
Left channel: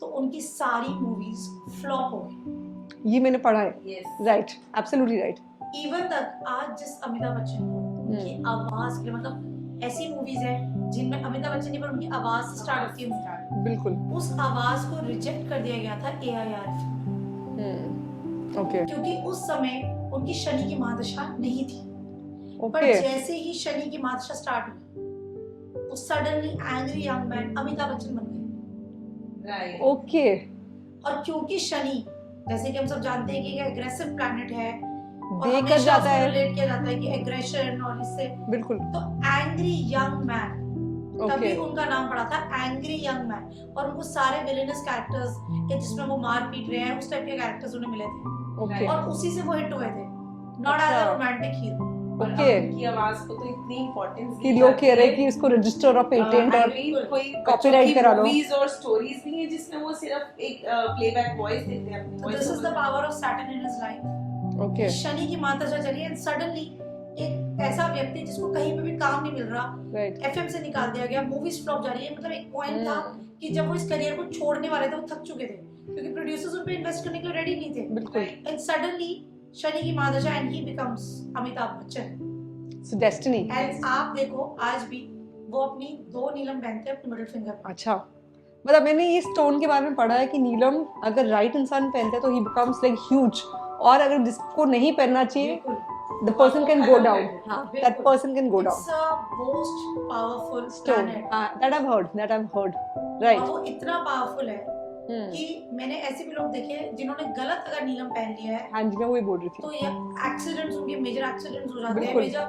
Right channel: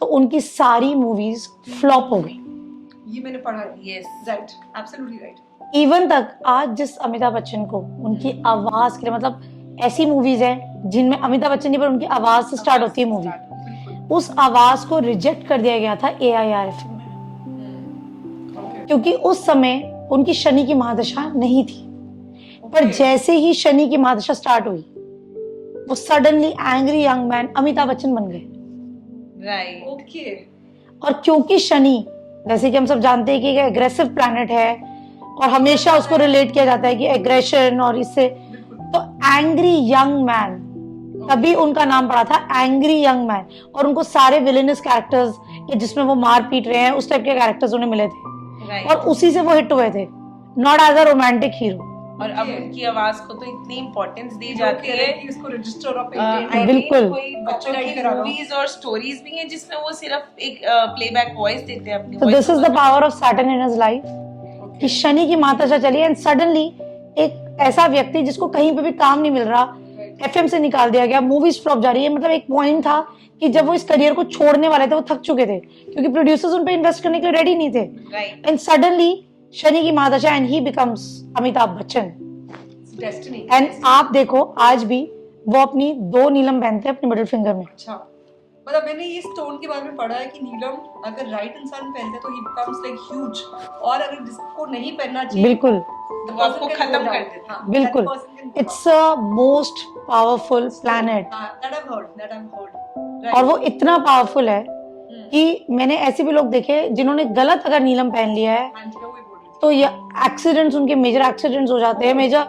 तो उनकी सारी मूवीज फ्लॉप हो गई। ये मैंने पढ़ा है। Yes. Right, absolutely right. Even तक आज जिस अमिताभ बच्चन को उनकी आवाज के लिए, मतलब ऐसी मूवीज है जिनमें अमिताभ बच्चन जी पर उनकी आवाज से स्टार्ट होती है मूवी, बिल्कुल। उस आवाज को रिजेक्ट कर दिया गया था AIRF में, ओके। क्योंकि उस समय उनकी शनि की महादशा नहीं थी। पर ओके। जैसे ही शनि की महादशा स्टार्ट हुई, वो suddenly angry young man Amitabh Bachchan बन गए। राइट। ओके। और क्योंकि शनि, जैसे कि हम सब जानते हैं कि एक एग्रेसिव प्लैनेट है और हमेशा उसको रिलेट किया जाता है कि एग्रेशन और इससे, बिल्कुल। तो एंग्री यंग मैन, तभी उनका नाम पड़ा था एंग्री यंग मैन। और उनको सारे विलेनस कैरेक्टर्स या जिसमें वो मार पीट रहे हैं उस टाइप के कैरेक्टर्स उन्हें मिले थे और उसी से वो हिट हुए थे, not as a romantic hero. और अब उनकी आवाज को तो इतनी इम्पोर्टेंस दी लोग जाती कह रहे है हैं कि इसको रजिस्टर और पेटेंट और बिल्कुल कॉपीराइट करा दो। मूवीज और स्टोरीज भी हैं जिसमें वो सिर्फ एक प्लेबैक वॉइस देते हैं अपनी। तो this is the power of Saturn in his life कि शनि की माता चली एंड सडनली एक ऐसा व्यक्ति जिसको कहीं पे भी काम नहीं मिल रहा, एफएम से निकाल दिया गया, मूवीज फ्लॉप जा रही है। मतलब एक पॉइंट था कि जब वो इस करियर को छोड़ने वाले थे, वो थक चुके थे क्योंकि प्रोड्यूसर्स उन पे इन्वेस्ट करने के लिए रेडी नहीं थे। एंड सडनली शनि की माता and he becomes Amitabh Bachchan. Destiny. And आप देखो आज भी वो अपनी 2 नीलम पहनते हैं अपने मिडिल फिंगर में। अच्छा, मतलब मैंने ये स्टोन के बारे में पढ़ा है कि नीलम अगर राइट इंसान पहनता है तो ही बिकम्स लाइक ह्यूज, और अगर जिसको नहीं पहनना चाहिए बिल्कुल the person can go down. हाँ, बिल्कुल, that person can go down. It's a most powerful planet. That I've heard. Right. और वो इतना पावरफुल है कि मैंने ऐसे भी लोग देखे जिन्होंने गलत अगर नीलम पहन लिया है, हाँ जी, मैं वही बोल रही थी। तो ये एक्सीडेंट्स, उनके मेजर एक्सीडेंट्स हो जाते हैं, मेजर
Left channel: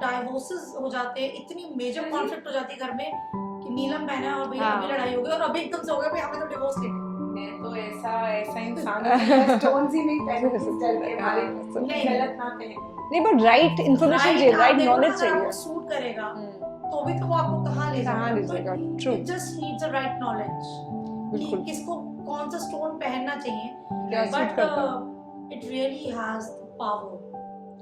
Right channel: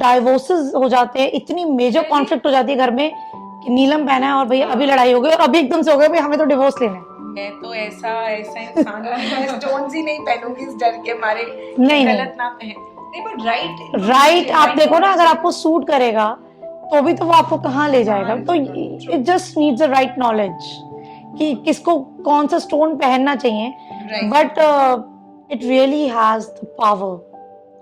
डाइवोर्सेस हो जाते हैं, इतनी मेजर कॉन्फ्लिक्ट हो जाती है घर में कि नीलम पहना है और भैया अभी लड़ाई हो गई और अभी एकदम से हो गया भाई हमें तो डिवोर्स लेना है। मैं तो ऐसा इंसान हूँ, मैं स्टोन्स ही नहीं पहनूंगी इस डर के मारे नहीं गलत ना पहन। नहीं, बट राइट आप देखो ना, अगर आपको सूट करेगा तो भी तो वो आपको कहाँ ले जाएगा। तो it just needs the right knowledge कि किसको कौन सा स्टोन पहनना चाहिए, but it really has the power.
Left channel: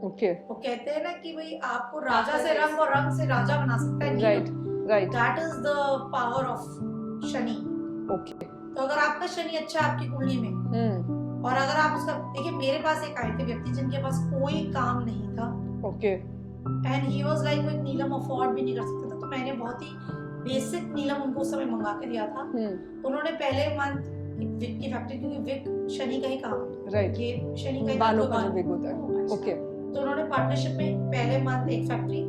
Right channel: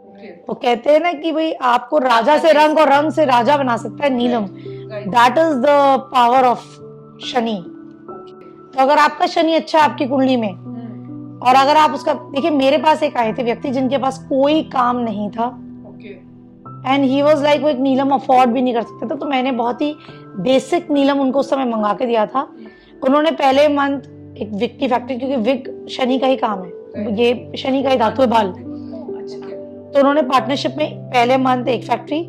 Okay. वो कहते हैं ना कि भाई आपको राजा से रंग और रंग से राजा बना सकता है नीलम। That is the power of Shani. तो अगर आपका शनि अच्छा है आपकी कुंडली में, और अगर आप उसका देखिए, मेरे पास एक आए थे व्यक्ति जिनके पास कोई काम नहीं था, okay, and he was like वो एक नीलम अफोर्ड भी नहीं कर सकते थे, तो मैंने बहुत ही बेसिक नीलम उनको उस समय मंगा के दिया था। उन्होंने पहले मंथ एक विग की फैक्ट्री, क्योंकि विग शनि का ही काम है, ये शनि का ही धातु है बाल, तो उन्होंने पार्टनरशिप में पहले मंथ एक फैक्ट्री,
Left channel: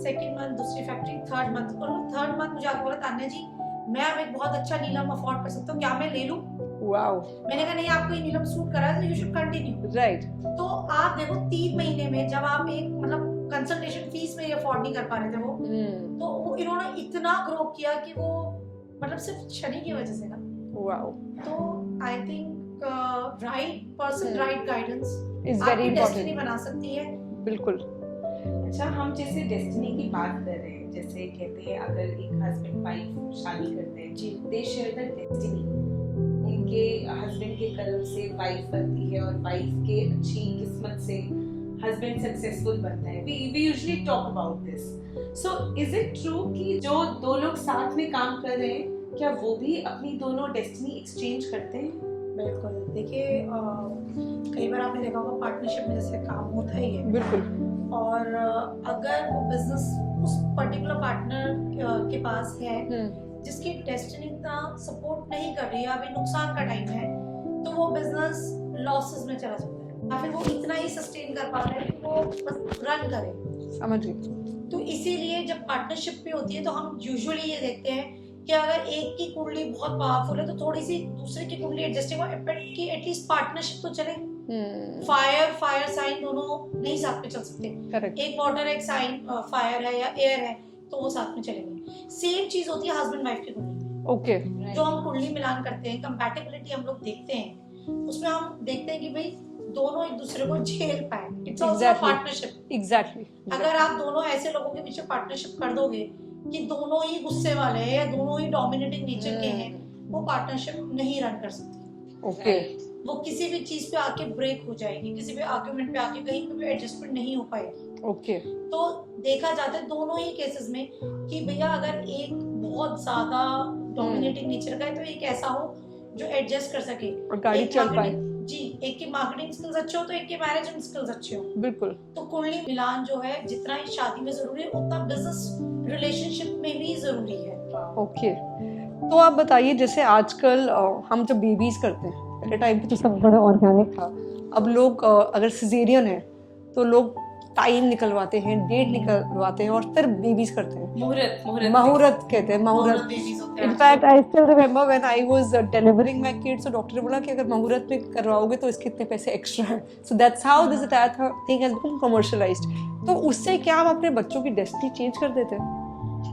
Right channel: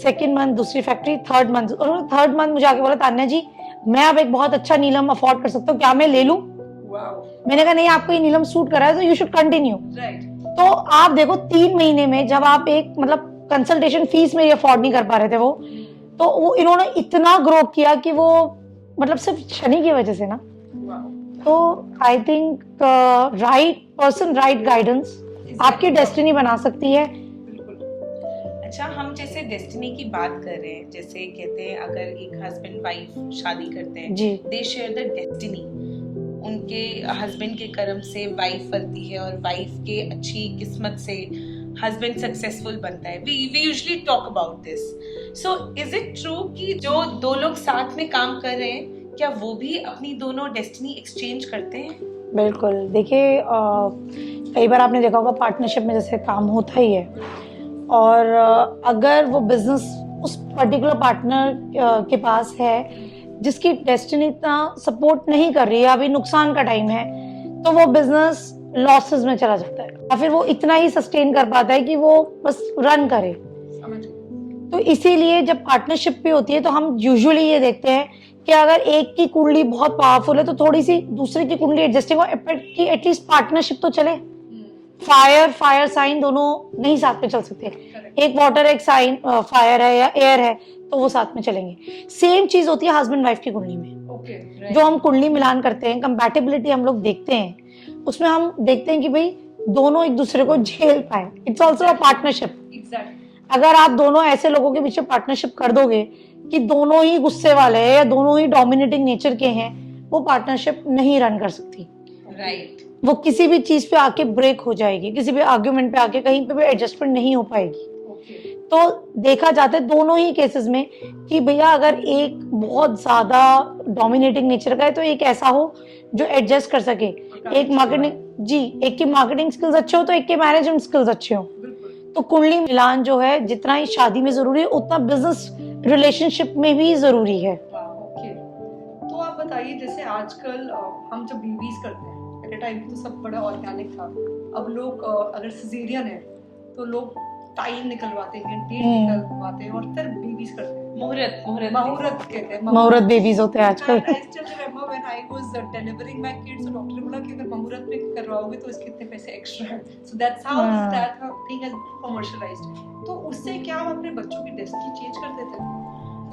सेकेंड मंथ दूसरी फैक्ट्री, थर्ड मंथ, और उन्होंने थर्ड मंथ मुझे आके बोला तान्या जी मैं अब एक बहुत अच्छा नीलम अफोर्ड कर सकता हूँ, क्या मैं ले लूं? मैंने कहा नहीं, आपको ये नीलम सूट कर रहा है तो यू शुड कंटिन्यू। तो आप देखो 3 महीने में जब आप एक मतलब कंसल्टेशन फीस में ये अफोर्ड नहीं कर पा रहे थे वो, तो वो इन्होंने इतना ग्रो किया कि वो मतलब सिर्फ शनि की वजह से ना। तो I think right person, right guidance आपकी डेस्टिनी बना सकती है। बिल्कुल। अच्छा, हम जैसे डेस्टिनी की बात कर रहे हैं, जैसे कहते हैं अगर एक हस्बैंड वाइफ शादी करते हैं, दे शेयर द डेस्टिनी। उनके हस्बैंड के कर्म से वाइफ बनती है और वाइफ के अच्छी किस्मत से हस्बैंड सक्सेसफुल बनता है। we usually talk about this. So is it true कि जो 2 लोग साथ में काम कर रहे हैं, क्या वो भी अपनी दोनों डेस्टिनी एक्सचेंज करते हैं? बिल्कुल। देखिए कई बार आपने देखा होगा पार्टनरशिप में जैसे काम होता ही है, बिल्कुल, और अगर वो बिजनेस उस पर्टिकुलर पार्टनर के पास है जिसकी डेस्टिनी इतना सपोर्ट नहीं कर रही है, अभी नुकसान का टाइम है, तो वो बिजनेस लॉसेस में चला जाता है, या फिर वो इतना ही सस्टेन कर पाता है कि वो बस रन करे। समझ गई। तो इसीलिए जब पार्टनरशिप भी होती है तो हम यूजुअली ये देखते हैं कि अगर एक की कुंडली बहुत पावरफुल है तो थोड़ी सी दूसरे की कुंडली एडजस्टिंग हो कि एटलीस्ट पार्टनरशिप तो चले। फायर साइन दोनों नहीं साथ में चल सकते, एक वाटर एक साइन फायर है या एयर है तो वो साथ में चलेंगे। सेम चीज होती है हस्बैंड वाइफ की कुंडली में। ओके। जो हम कुंडली मिलान करते हैं, कंपैटिबिलिटी हम लोग देखते हैं, उसमें हम देखते हैं कि भाई दोनों एक दूसरे को झेल पाए। It's also a partnership. Exactly. अगर आप दोनों ऐसे लोगों के पीछे पार्टनरशिप कर दोगे कि दोनों ही गुस्से वाले हैं या दोनों ही डोमिनेटिंग नेचर के हैं, वो पार्टनरशिप नहीं रन कर सकती। वो किसी भी चीज पे आके ब्रेक हो जाएगी, किसी भी आर्ग्यूमेंट पे आके कहीं पे भी एडजस्टमेंट नहीं हो पाएगी। तो देखा जाता है दोनों ही केसेस में कि भैया अगर एक बहुत ज्यादा डोमिनेटिंग नेचर का है तो एक ऐसा हो जो एडजस्ट कर सके। एक मार्केटिंग एक की मार्केटिंग स्किल्स अच्छे हो तो एक के मैनेजमेंट स्किल्स अच्छे हो। बिल्कुल। तो कुंडली मिलान जो है जितना ही शादी में जरूरी है उतना बिजनेस रिलेशनशिप में भी जरूरी है। ओके। तो आप बताइए, जैसे आजकल हम जब बेबीज करते हैं, पहले टाइम पे तो सब बड़ा ऑर्गेनिक था, अब लोग अगर सिजेरियन है तो लोग टाइम निकलवाते हैं, डेट निकलवाते हैं और फिर बेबीज करते हैं। मुहूर्त कहते हैं, मुहूर्त बेबीज होते हैं आजकल। I still remember when I was delivering my kids, तो डॉक्टर ने बोला कि अगर मुहूर्त में करवाओगे तो इसके इतने पैसे एक्स्ट्रा हैं। So that's how this entire thing has become commercialised. तो उससे क्या हम अपने बच्चों की डेस्टिनी चेंज कर देते हैं?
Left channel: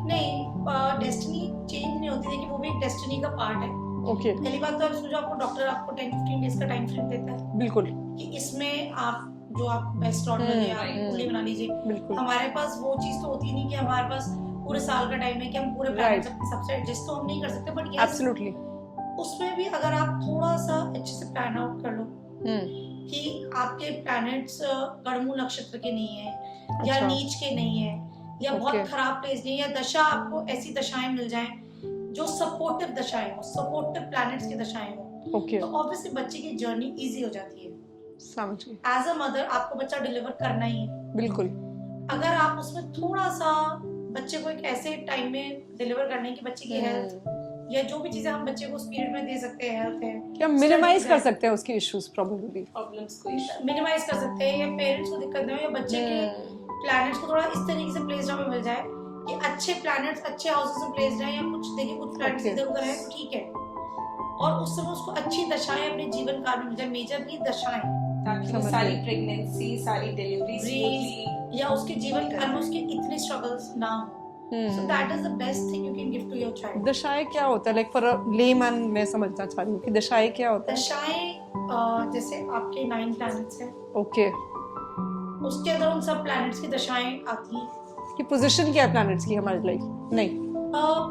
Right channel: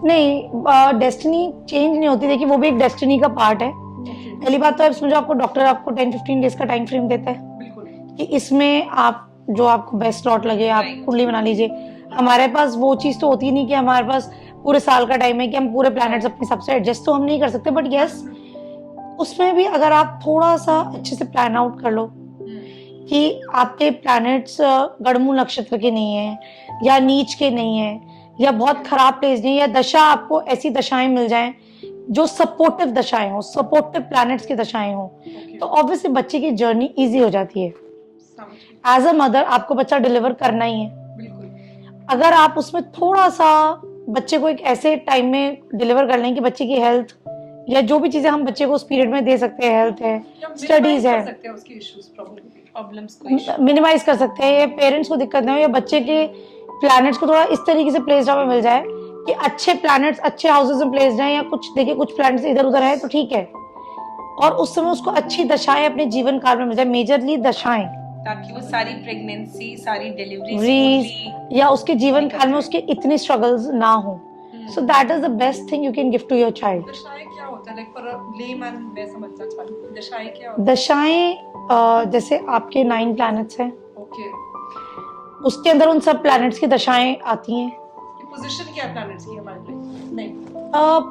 नहीं, डेस्टिनी चेंज नहीं होती। देखिए वो भी एक डेस्टिनी का पार्ट है। ओके, पहली बात तो आप समझो, आपको डॉक्टर आपको 10-15 डेज का टाइम फ्रेम देता है बिल्कुल कि इसमें आप जो आपको बेस्ट स्लॉट लगे आप कुंडली बना लीजिए। बिल्कुल। हमारे पास वो चीज तो होती नहीं कि हमारे पास पूरे साल का टाइम है कि हम पूरे प्लैनेट्स अपने हिसाब से एडजस्ट तो हम नहीं कर सकते, बट यस एब्सोल्युटली। उसमें भी अगर आप थोड़ा सा अच्छे से प्लान आउट कर लो कि आपके प्लैनेट्स गड़मू नक्षत्र के नहीं है या नीच के नहीं है या बहुत Okay. खराब प्लेस नहीं है, या दशा आपको ऐसी दशाएं मिल जाएं जो सपोर्टिव दशाएं हो, सपोर्टिव प्लैनेट्स की दशाएं हो, ओके, तो ऑब्वियसली बच्चे की जर्नी इजी हो जाती है। समझ गई। एज अ मदर आपको बच्चा डिलीवर करना ही है। बिल्कुल। अगर आप उसमें थोड़ा सा बच्चे को एक ऐसे टाइम में डिलीवर कर लें कि बच्चे की हेल्थ या जो भी चीजें हम बच्चे को उस पीरियड में दे सकते हैं, हेल्थ है, क्या मिनिमाइज स्टडीज कर है, सकते हैं उसके इश्यूज प्रॉब्लम्स को मिनिमाइज कर सकते हैं, या पेरेंट्स को दिक्कत ना हो, या बच्चे के प्लैनेट्स को थोड़ा इस तरीके से प्लेस्ड में मिल जाए कि अच्छे प्लैनेट्स अच्छे हाउसेस में प्लेस्ड हैं, या कुछ देखिए कुछ प्लैनेट्स इधर उधर है तो ठीक है, और उस समय उसको अच्छी दशाएं अपने जीवन काल में मिल जाए, मेजरली दशाएं, ताकि वो सारी प्रेगनेंसी, सारी डिलीवरी Breeze, या उसके जीवन काल में उसके इतनी स्ट्रगल्स ना हो। So that is the best thing you can give to your child. दशाएं क्या होता है? लाइक फॉर लेमैन मैं समझना चाह रही हूँ कि दशाएं क्या होता दशाएं जैसे आपके 9 प्लैनेट्स हैं, है? ओके, उसके अंदर उन सब प्लैनेट्स की दशाएं आती हैं। कि पोजीशन क्या है प्लैनेट्स की हमारी लाइफ? नहीं,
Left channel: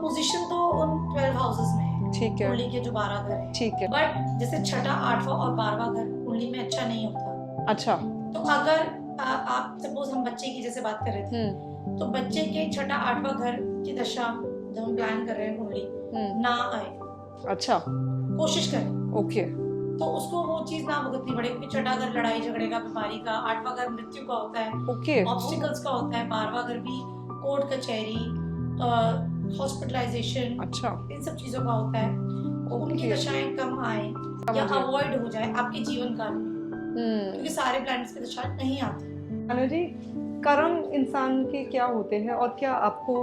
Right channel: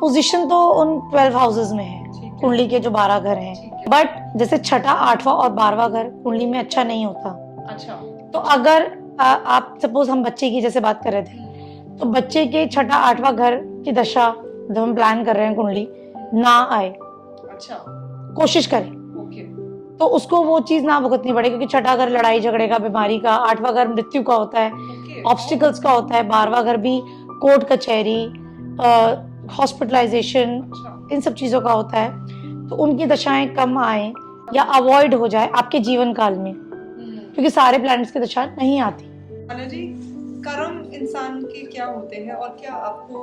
पोजीशन तो उन 12 हाउसेस में है, ठीक है, कुंडली के जो 12 घर हैं, ठीक है। बट जैसे छठा, 8वां और 12वां घर कुंडली में अच्छा नहीं होता। अच्छा, तो अगर आप सपोज हम बच्चे की जैसे बात कर रहे थे, तो बच्चे के छठा 8वां घर की दशा जब हम प्लान कर रहे हैं कुंडली ना आए, अच्छा, कोशिश करें ओके, तो उसको वो चीज ना भुगतनी पड़े, क्योंकि छठा घर लड़ाई झगड़े का, बीमारी का, 8वां घर मृत्यु का होता है, ओके, ऑब्स्टिकल्स का होता है, 12वां घर भी कोर्ट कचहरी, हॉस्पिटलाइजेशन, अच्छा, इन सब चीजों का होता है। तो उनकी दशाएं कम आए या अवॉइड हो जाए आपके जीवन काल में, क्योंकि सारे प्लैनेट्स की दशा नहीं आती। अनु जी, कर्म इंसान के क्या होते हैं और क्या आपको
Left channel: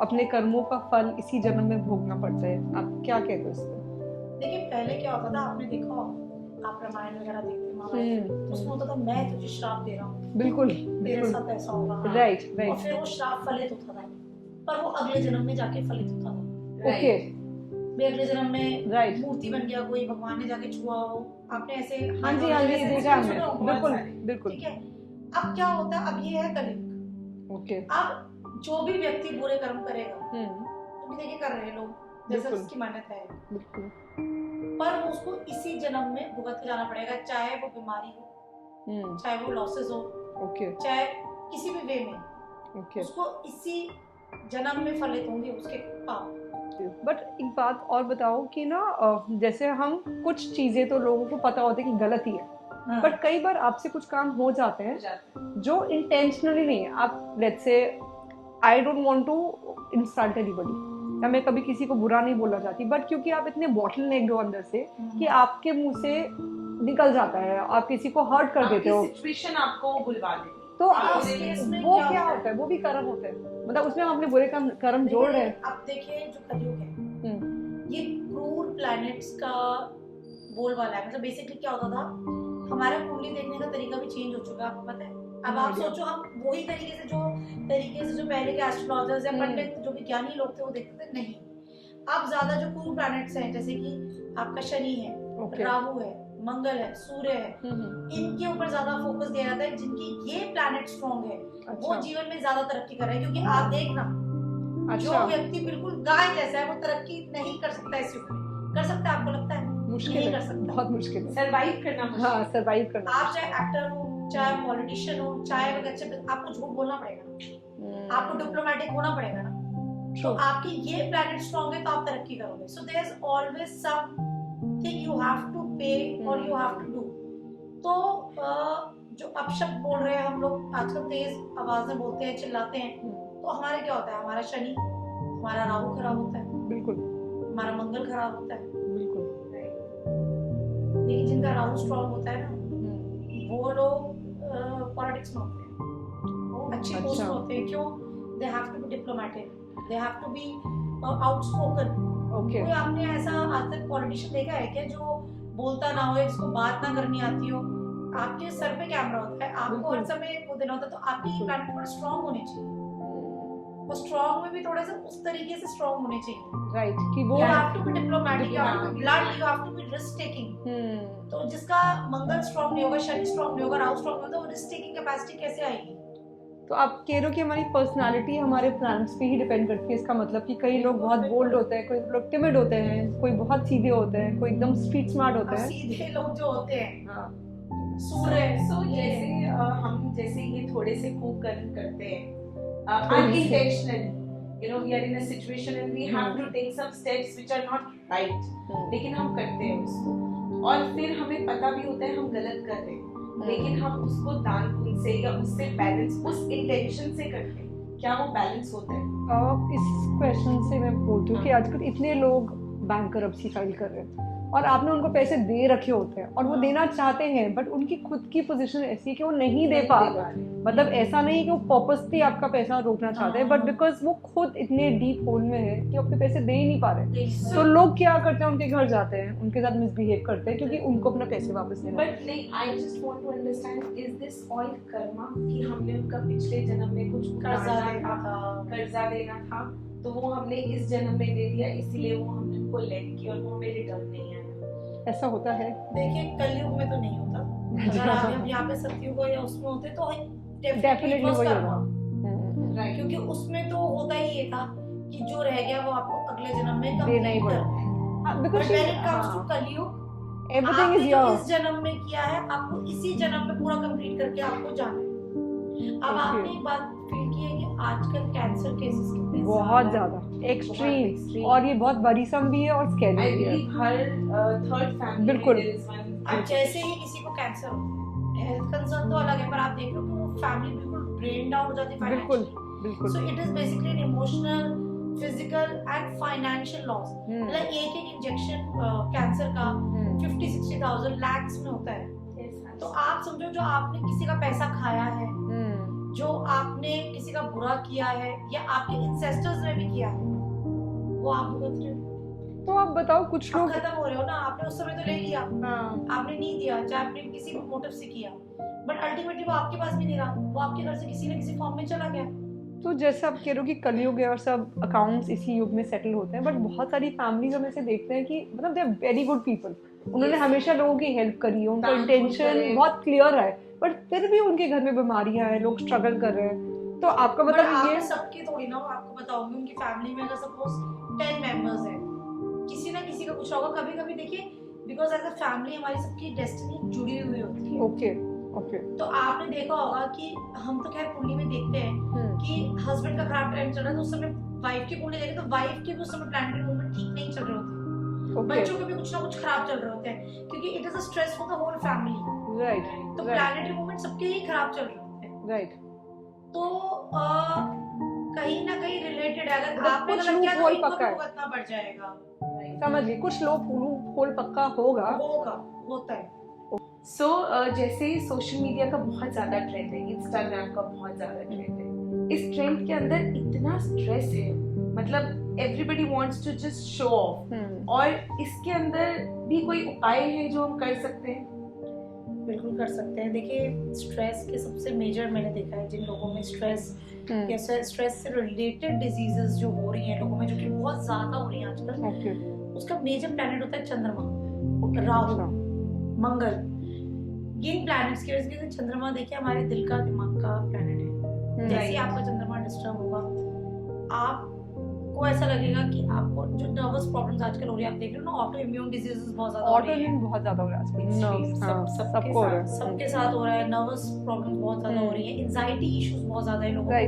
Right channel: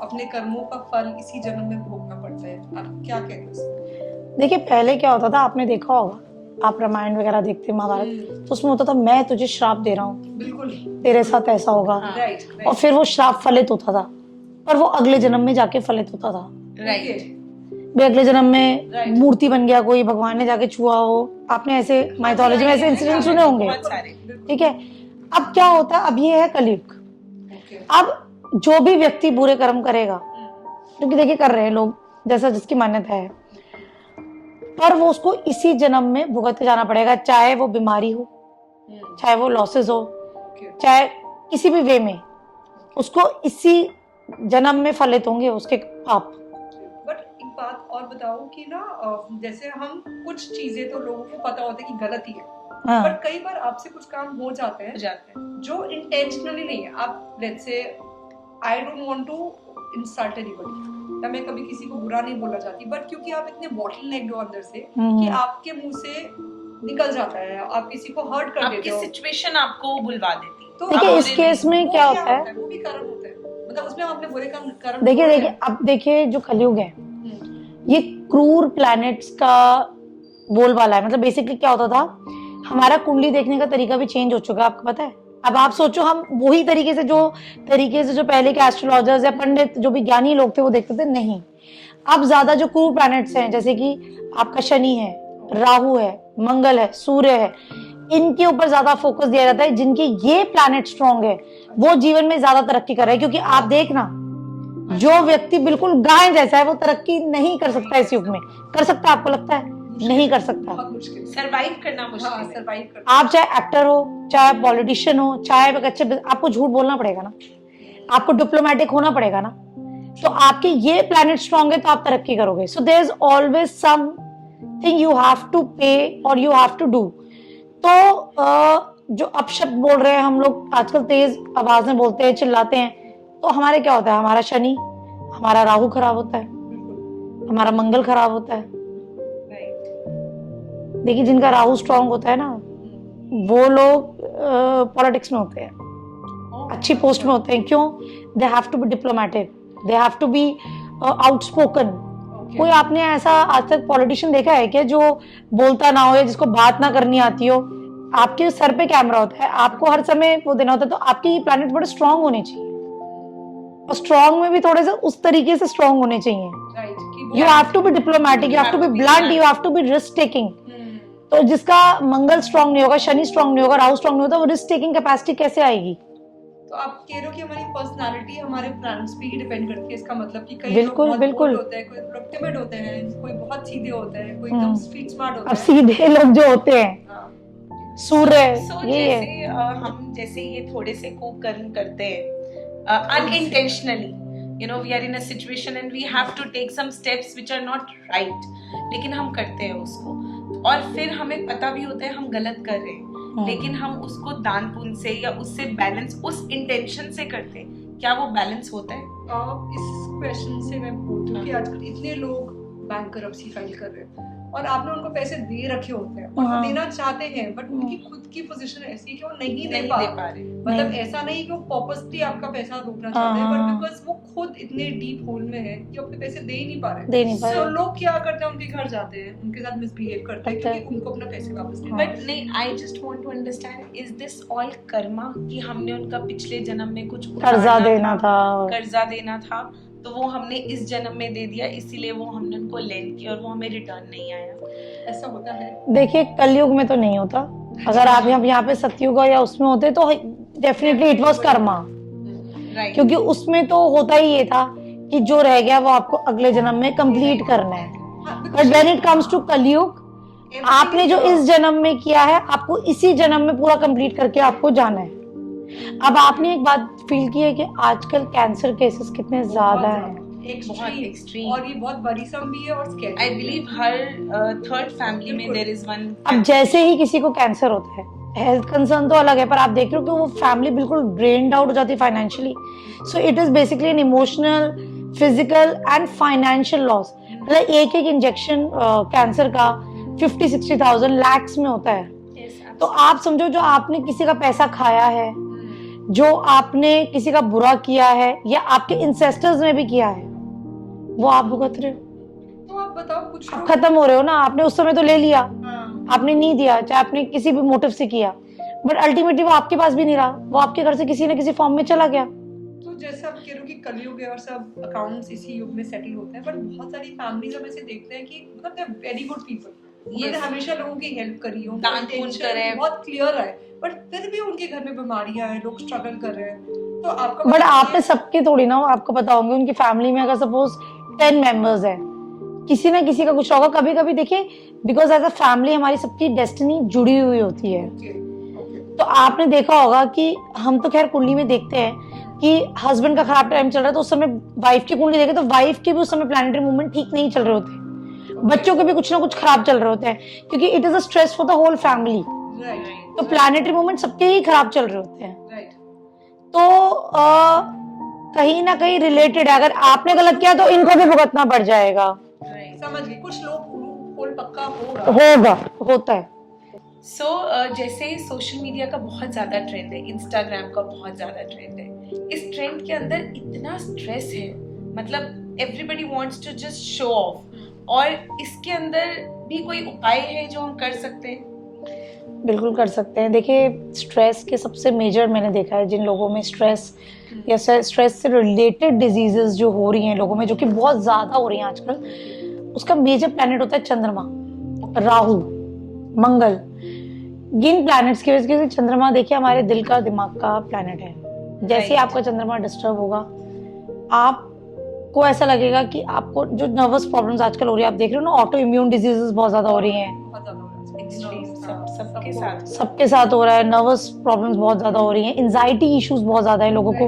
अपने कर्मों का फल इसी जन्म में भोगना पड़ता है? आप क्या कहते हो इसमें? देखिए पहले क्या होता था, आपने देखा होगा, आप रामायण वगैरह देखते महाभारत, तो उसमें होता था मैं तुझे श्राप दे रहा हूँ, बिल्कुल, तेरे साथ ऐसा होगा, राइट, और फिर वो श्राप फलित होता था, पर वो अगले जन्म में जाके फलित होता था। राइट। भी अगले जन्म में Right. मूर्ति बन गया, कोई भगवान ने जाके छुआ हो, आपने ऐसे माइथोलॉजी में ऐसे इंसिडेंट सुने होंगे, बहुत सारे। बिल्कुल, ठीक है। अब क्या होता है, अब ये है कलयुग, ओके, अब जो भी व्यक्ति बुरे कर्म करेगा, क्योंकि देखिए कर रहे हैं लोग जैसा जिसकी मान्यता है, पर वो उसको इसी जन्म में भुगत के जाना पड़ेगा, चाहे वो बीमारी हो, चाहे वो लॉसेस हो, ओके, चाहे किसी भी वे में, ओके। उसको इसी जन्म में फलित होंगे उसके पाप। बट एक बात और बताओ कि ना जैसे हम कुछ चीजें तो लोगों को पता होता है कि गलत ही है, हाँ, बट कई बार आपसे कुछ काम हो जाते हो हैं जाते हैं। जो इंटेंशनली नहीं है। आप let's say I don't want to insult anybody, या मैं कभी किसी को बुरा नहीं बोलना चाहती, बट क्योंकि आप इतने बॉटल नेक्ड हो अंदर से कि आपके मुंह से निकल जाता है, आप किसी को हर्ट कर देते आपकी हो, सिचुएशन आपको बुलवा देती है। तो देखिए आप- इस केस में वो क्या होता है, वो भी कर्म होता है, मतलब उसमें हम अपने बुरे कर्म देखिए जोड़ रहे देखिए हैं। अब देखिए जो कलयुग है हम्म, ये क्रूर प्लैनेट्स का बोलबाला है। मतलब बेसिकली क्या होता था, हमारा कुंडली देखने का तरीका भी चेंज हो चुका है, आपको पता है। अब आप सोचो, हम वही तरीके से जो पहले के एस्ट्रोलॉजर्स या पंडित जो भी ज्ञानी लोग थे वो देखते थे, नहीं। अब ज्यादा जो क्रूर प्लैनेट्स हैं, जैसे कि आपका शनि है, राहु है, मंगल है, सूर्य है, इनके ऊपर ज्यादा फोकस दिया जाता है। जिनके ये प्लैनेट स्ट्रॉन्ग है वो जीवन में ज्यादा तरक्की कर रहे हैं, क्योंकि आप देखना जो व्यक्ति बिल्कुल गाय जैसा है वो तरक्की नहीं कर सकता इस युग में। कर सकता है, आपको लगता है? नहीं कर सकता। बहुत मुश्किल है। सरवाइव करना मुश्किल हाँ, है। सरवाइव करना। आप चाहे एक्टर हो, चाहे पॉलिटिशियन हो, चाहे एक अच्छे, आपको झूठ बोलना पड़ेगा ना, आपको डिप्लोमेटिक होना पड़ेगा ना। तो आपके ये प्लैनेट स्ट्रॉन्ग है तो आप तरक्की करोगे। So there is always something you have to pay और यू हैव टू डू। तो जो अपशब्द बोल रहे हैं हम लोग आजकल, तेज आवाज में बोलते हैं, चिल्लाते हैं, तो हमारे क्या होता है, हमारा शनि, हमारा राहु खराब होता है, बिल्कुल, हमारा मंगल खराब होता है। बिल्कुल। Right. देखिए जिनका राहु स्ट्रॉन्ग होता है ना, वो लोग पॉलिटिक्स में होते हैं, अच्छी पोस्ट में होते हैं, क्यों? They have to be diplomatic, they have to be outspoken. कोई आपने ऐसा आज तक पॉलिटिशियन देखा है क्या जो बोलता ना हो या जिसको बात ना करनी आती हो? आपके सर पे कैमरा होता है, आपको हर समय वो देना होता है, तो आपकी ये प्लैनेट बड़े स्ट्रांग होने चाहिए, और स्ट्रांग में भी थोड़े से उस तरीके से स्ट्रांग होने चाहिए। You have to be diplomatic, you have to be blunt, you have to be risk taking. तो जिसका मंगल स्ट्रांग नहीं होगा, शनि स्ट्रांग नहीं होगा, राहु स्ट्रांग नहीं होता, वो रिस्क टेकिंग कैपेसिटी कैसे आएगी? तो आप कह रहे हो कि हमारी पर्सनालिटी हमारे प्लैनेट्स पे ही डिपेंड करती है, इसका मतलब कि कई बिल्कुल, लोग बहुत बिल्कुल। bold होते हैं, कोई थोड़ा timid होते हैं, कोई बहुत सीधे होते हैं, कोई एकदम स्ट्रीट स्मार्ट अब होते हैं। सीधे लोग जो होते हैं, हाँ, सूर्य, So, ये जैसे हम जैसे ये थोड़े से कुकर्म करते हैं unintentionally, you know, we are in a situation and we have to take some steps which are not right, लेकिन हम करते हैं उसको, और फिर हमें पता भी होता है हम गलत कर रहे हैं, लेकिन हम उसको दान पुण्य से या उससे बैलेंस, उस इंटेंशन से करते हैं। क्या वो बैलेंस होता है? इस क्वेश्चन से मैं बोलती हूँ कि आजकल इतने लोग बैंकरप्सी फाइल कर रहे हैं और आपने उनको पैसे दे रखे होते हैं और वो हाँ। देना चाहते हैं, बट उनकी खुद की पोजीशन ऐसी है कि वो नहीं दे नहीं पा दे रहे। पा रहे। मतलब नहीं। ऐसा नहीं कि वो पर्पसली आपका पैसा रोकना चाहते हैं, बट हाँ। बिकॉज वो खुद इतने डीप होल में है कि अपने पैसे दे ही नहीं पा रहे। दे नहीं पा तो रहे। लोग क्या करते हैं, उनके घर जाते हैं, उनके साथ मिसबिहेव करते हैं क्योंकि उनको अपना पैसे वापस लेना है। बट नहीं, I just want to understand, is this all karma कि हमने उनका पिछले जन्म में कुछ कर्जा उठाना देना था। कर्जा देना था, तो वो हमने इस जन्म में दे दिया, इसीलिए वो हमने उनको लेन किया और वो हमें रिटर्न नहीं आया। ऐसा होता है। देखिए, कलयुग में तो नहीं होता। अगर आप यहाँ पे सतयुग या उसमें होते तो definitely it was Karma, right, क्योंकि उसमें तो होता ही ये था कि जो रह गया वो आपको अगले जन्म में कंप्लीट करना है। But when it comes to Kalyug, आपने जो इस जन्म में किया है आपको इसी जन्म में पूरा कंप्लीट करके आपको जाना है। अब आपने एक बात फील की है कि आजकल कैंसर केसेस कितने ज्यादा हैं। एक्सट्रीम, और ये बहुत बरीसम भी है और स्कैरी। आई बिलीव हर थर्ड फैमिली में बिल्कुल। There is one. अब जैसे ही किसी को कैंसर होता है, हेल्थ कंसर्न तो अलग है, पर आप देख रहे हो कि वो फैमिली बिल्कुल ड्रेन्ड आउट हो जाती है financially. So it is basically an emotional, physical and financial loss. मतलब एक एक इंजेक्शन कैंसर का 50-60,000 लैक्स में होता है। तो आप समझो, जो आपने किसी का पैसा खाया है, जो आपने किसी का बुरा किया है या आपके इंसेस्टर्स ने भी किया है, वो आप भुगत रहे हो। तो आप बताओ, कुछ आप लोग खत्म हो रहे हो ना। आपने उस समय तो ले लिया, हाँ, आपने नहीं दिया, चाहे आपने किसी भी मोटिव से किया, बट अल्टीमेटली वो आपके पास भी नहीं रहा, वो आपके घर से किसी न किसी फॉर्म में चला गया। तो जैसे आप कह रहे हो कि कलयुग है और सब अकाउंट्स इसी युग में सेटल होते हैं, बट बहुत सारी फैमिलीज हम ऐसे देखते हैं कि मतलब they are very good people, उन्होंने Yes. हमेशा लोगों की हेल्प करी, उनका दान पुण्य इंटेंशन करे। बहुत क्लियर है, बट फिर भी उनके घर में बीमारियां हैं, लोग स्ट्रगल कर रहे हैं। तो आपका बट मतलब आप पे ये- सबके थोड़ी ना, आपको पता होंगे उनकी फैमिली में अगर सपोज 10 मेंबर्स हैं, किसी ना किसी का कुछ होगा। कभी कभी देखिए, बिकॉज एज अ फैमिली हमारी सबकी डेस्टिनी जुड़ी हुई होती है। ओके ओके तो आपने देखा होगा कि हम तो खैर कुंडली में देखते हैं कि हस्बैंड का खराब टाइम चल रहा है, तो उस समय वाइफ की कुंडली देखे तो वाइफ के भी उस समय प्लैनेटरी मूवमेंट ठीक नहीं चल रहे होते, बच्चों के भी कुछ ना कुछ खराब चल रहे होते हैं, क्योंकि it is a stress for the whole family. Right तो प्लैनेटरी मूवमेंट सबके ही खराब चल रहे होते हैं। राइट। तो कहीं ना कहीं रिलेटेड है। अगर आपने गलत किया तो इनको भी भुगतना पड़ जाएगा। समझ गई, कुछ लोग होल पक्का होगा होता है। सो जैसे सोशल मीडिया का बहुत ज्यादा ट्रेंड है, इंस्टाग्राम का बहुत ज्यादा ट्रेंड है, इस ट्रेंड के अंदर इतना स्ट्रेस है, मतलब everybody wants to just show off, और इसके अंदर भी कोई उपाय है जो हम कर सकते हैं? बिल्कुल कर सकते हैं। देखिए, स्ट्रेस के सबसे मेजर मैंने देखा है, जिन लोगों में स्ट्रेस या स्ट्रेस से रिलेटेड डिजीजेस जो हो रही हैं लोगों में, जो कि बहुत ज्यादा हो रही हैं आजकल, उसका मेजर प्लैनेट होता है चंद्रमा, राहु, मंगल। जिन प्लैनेट्स की वजह से, चंद्रमा देखिए हमारे दिल का, दिमाग का प्लैनेट है। जैसे ही आपका चंद्रमा डिस्टर्ब होगा, आपको ऐसा लगेगा कि आपको जो नर्वस प्रॉब्लम्स आजकल हो रही है, आप देख रहे हो ना, ऑटो इम्यून डिजीजेस बहुत ज्यादा हो रही हैं, बहुत ज्यादा हो रहा है Extreme, हाँ, सबके सबको साथ। सबके साथ हो रहा है। नर्वस प्रॉब्लम्स बहुत ज्यादा हो रही हैं, एंजाइटी इश्यूज बहुत ज्यादा है लोगों को।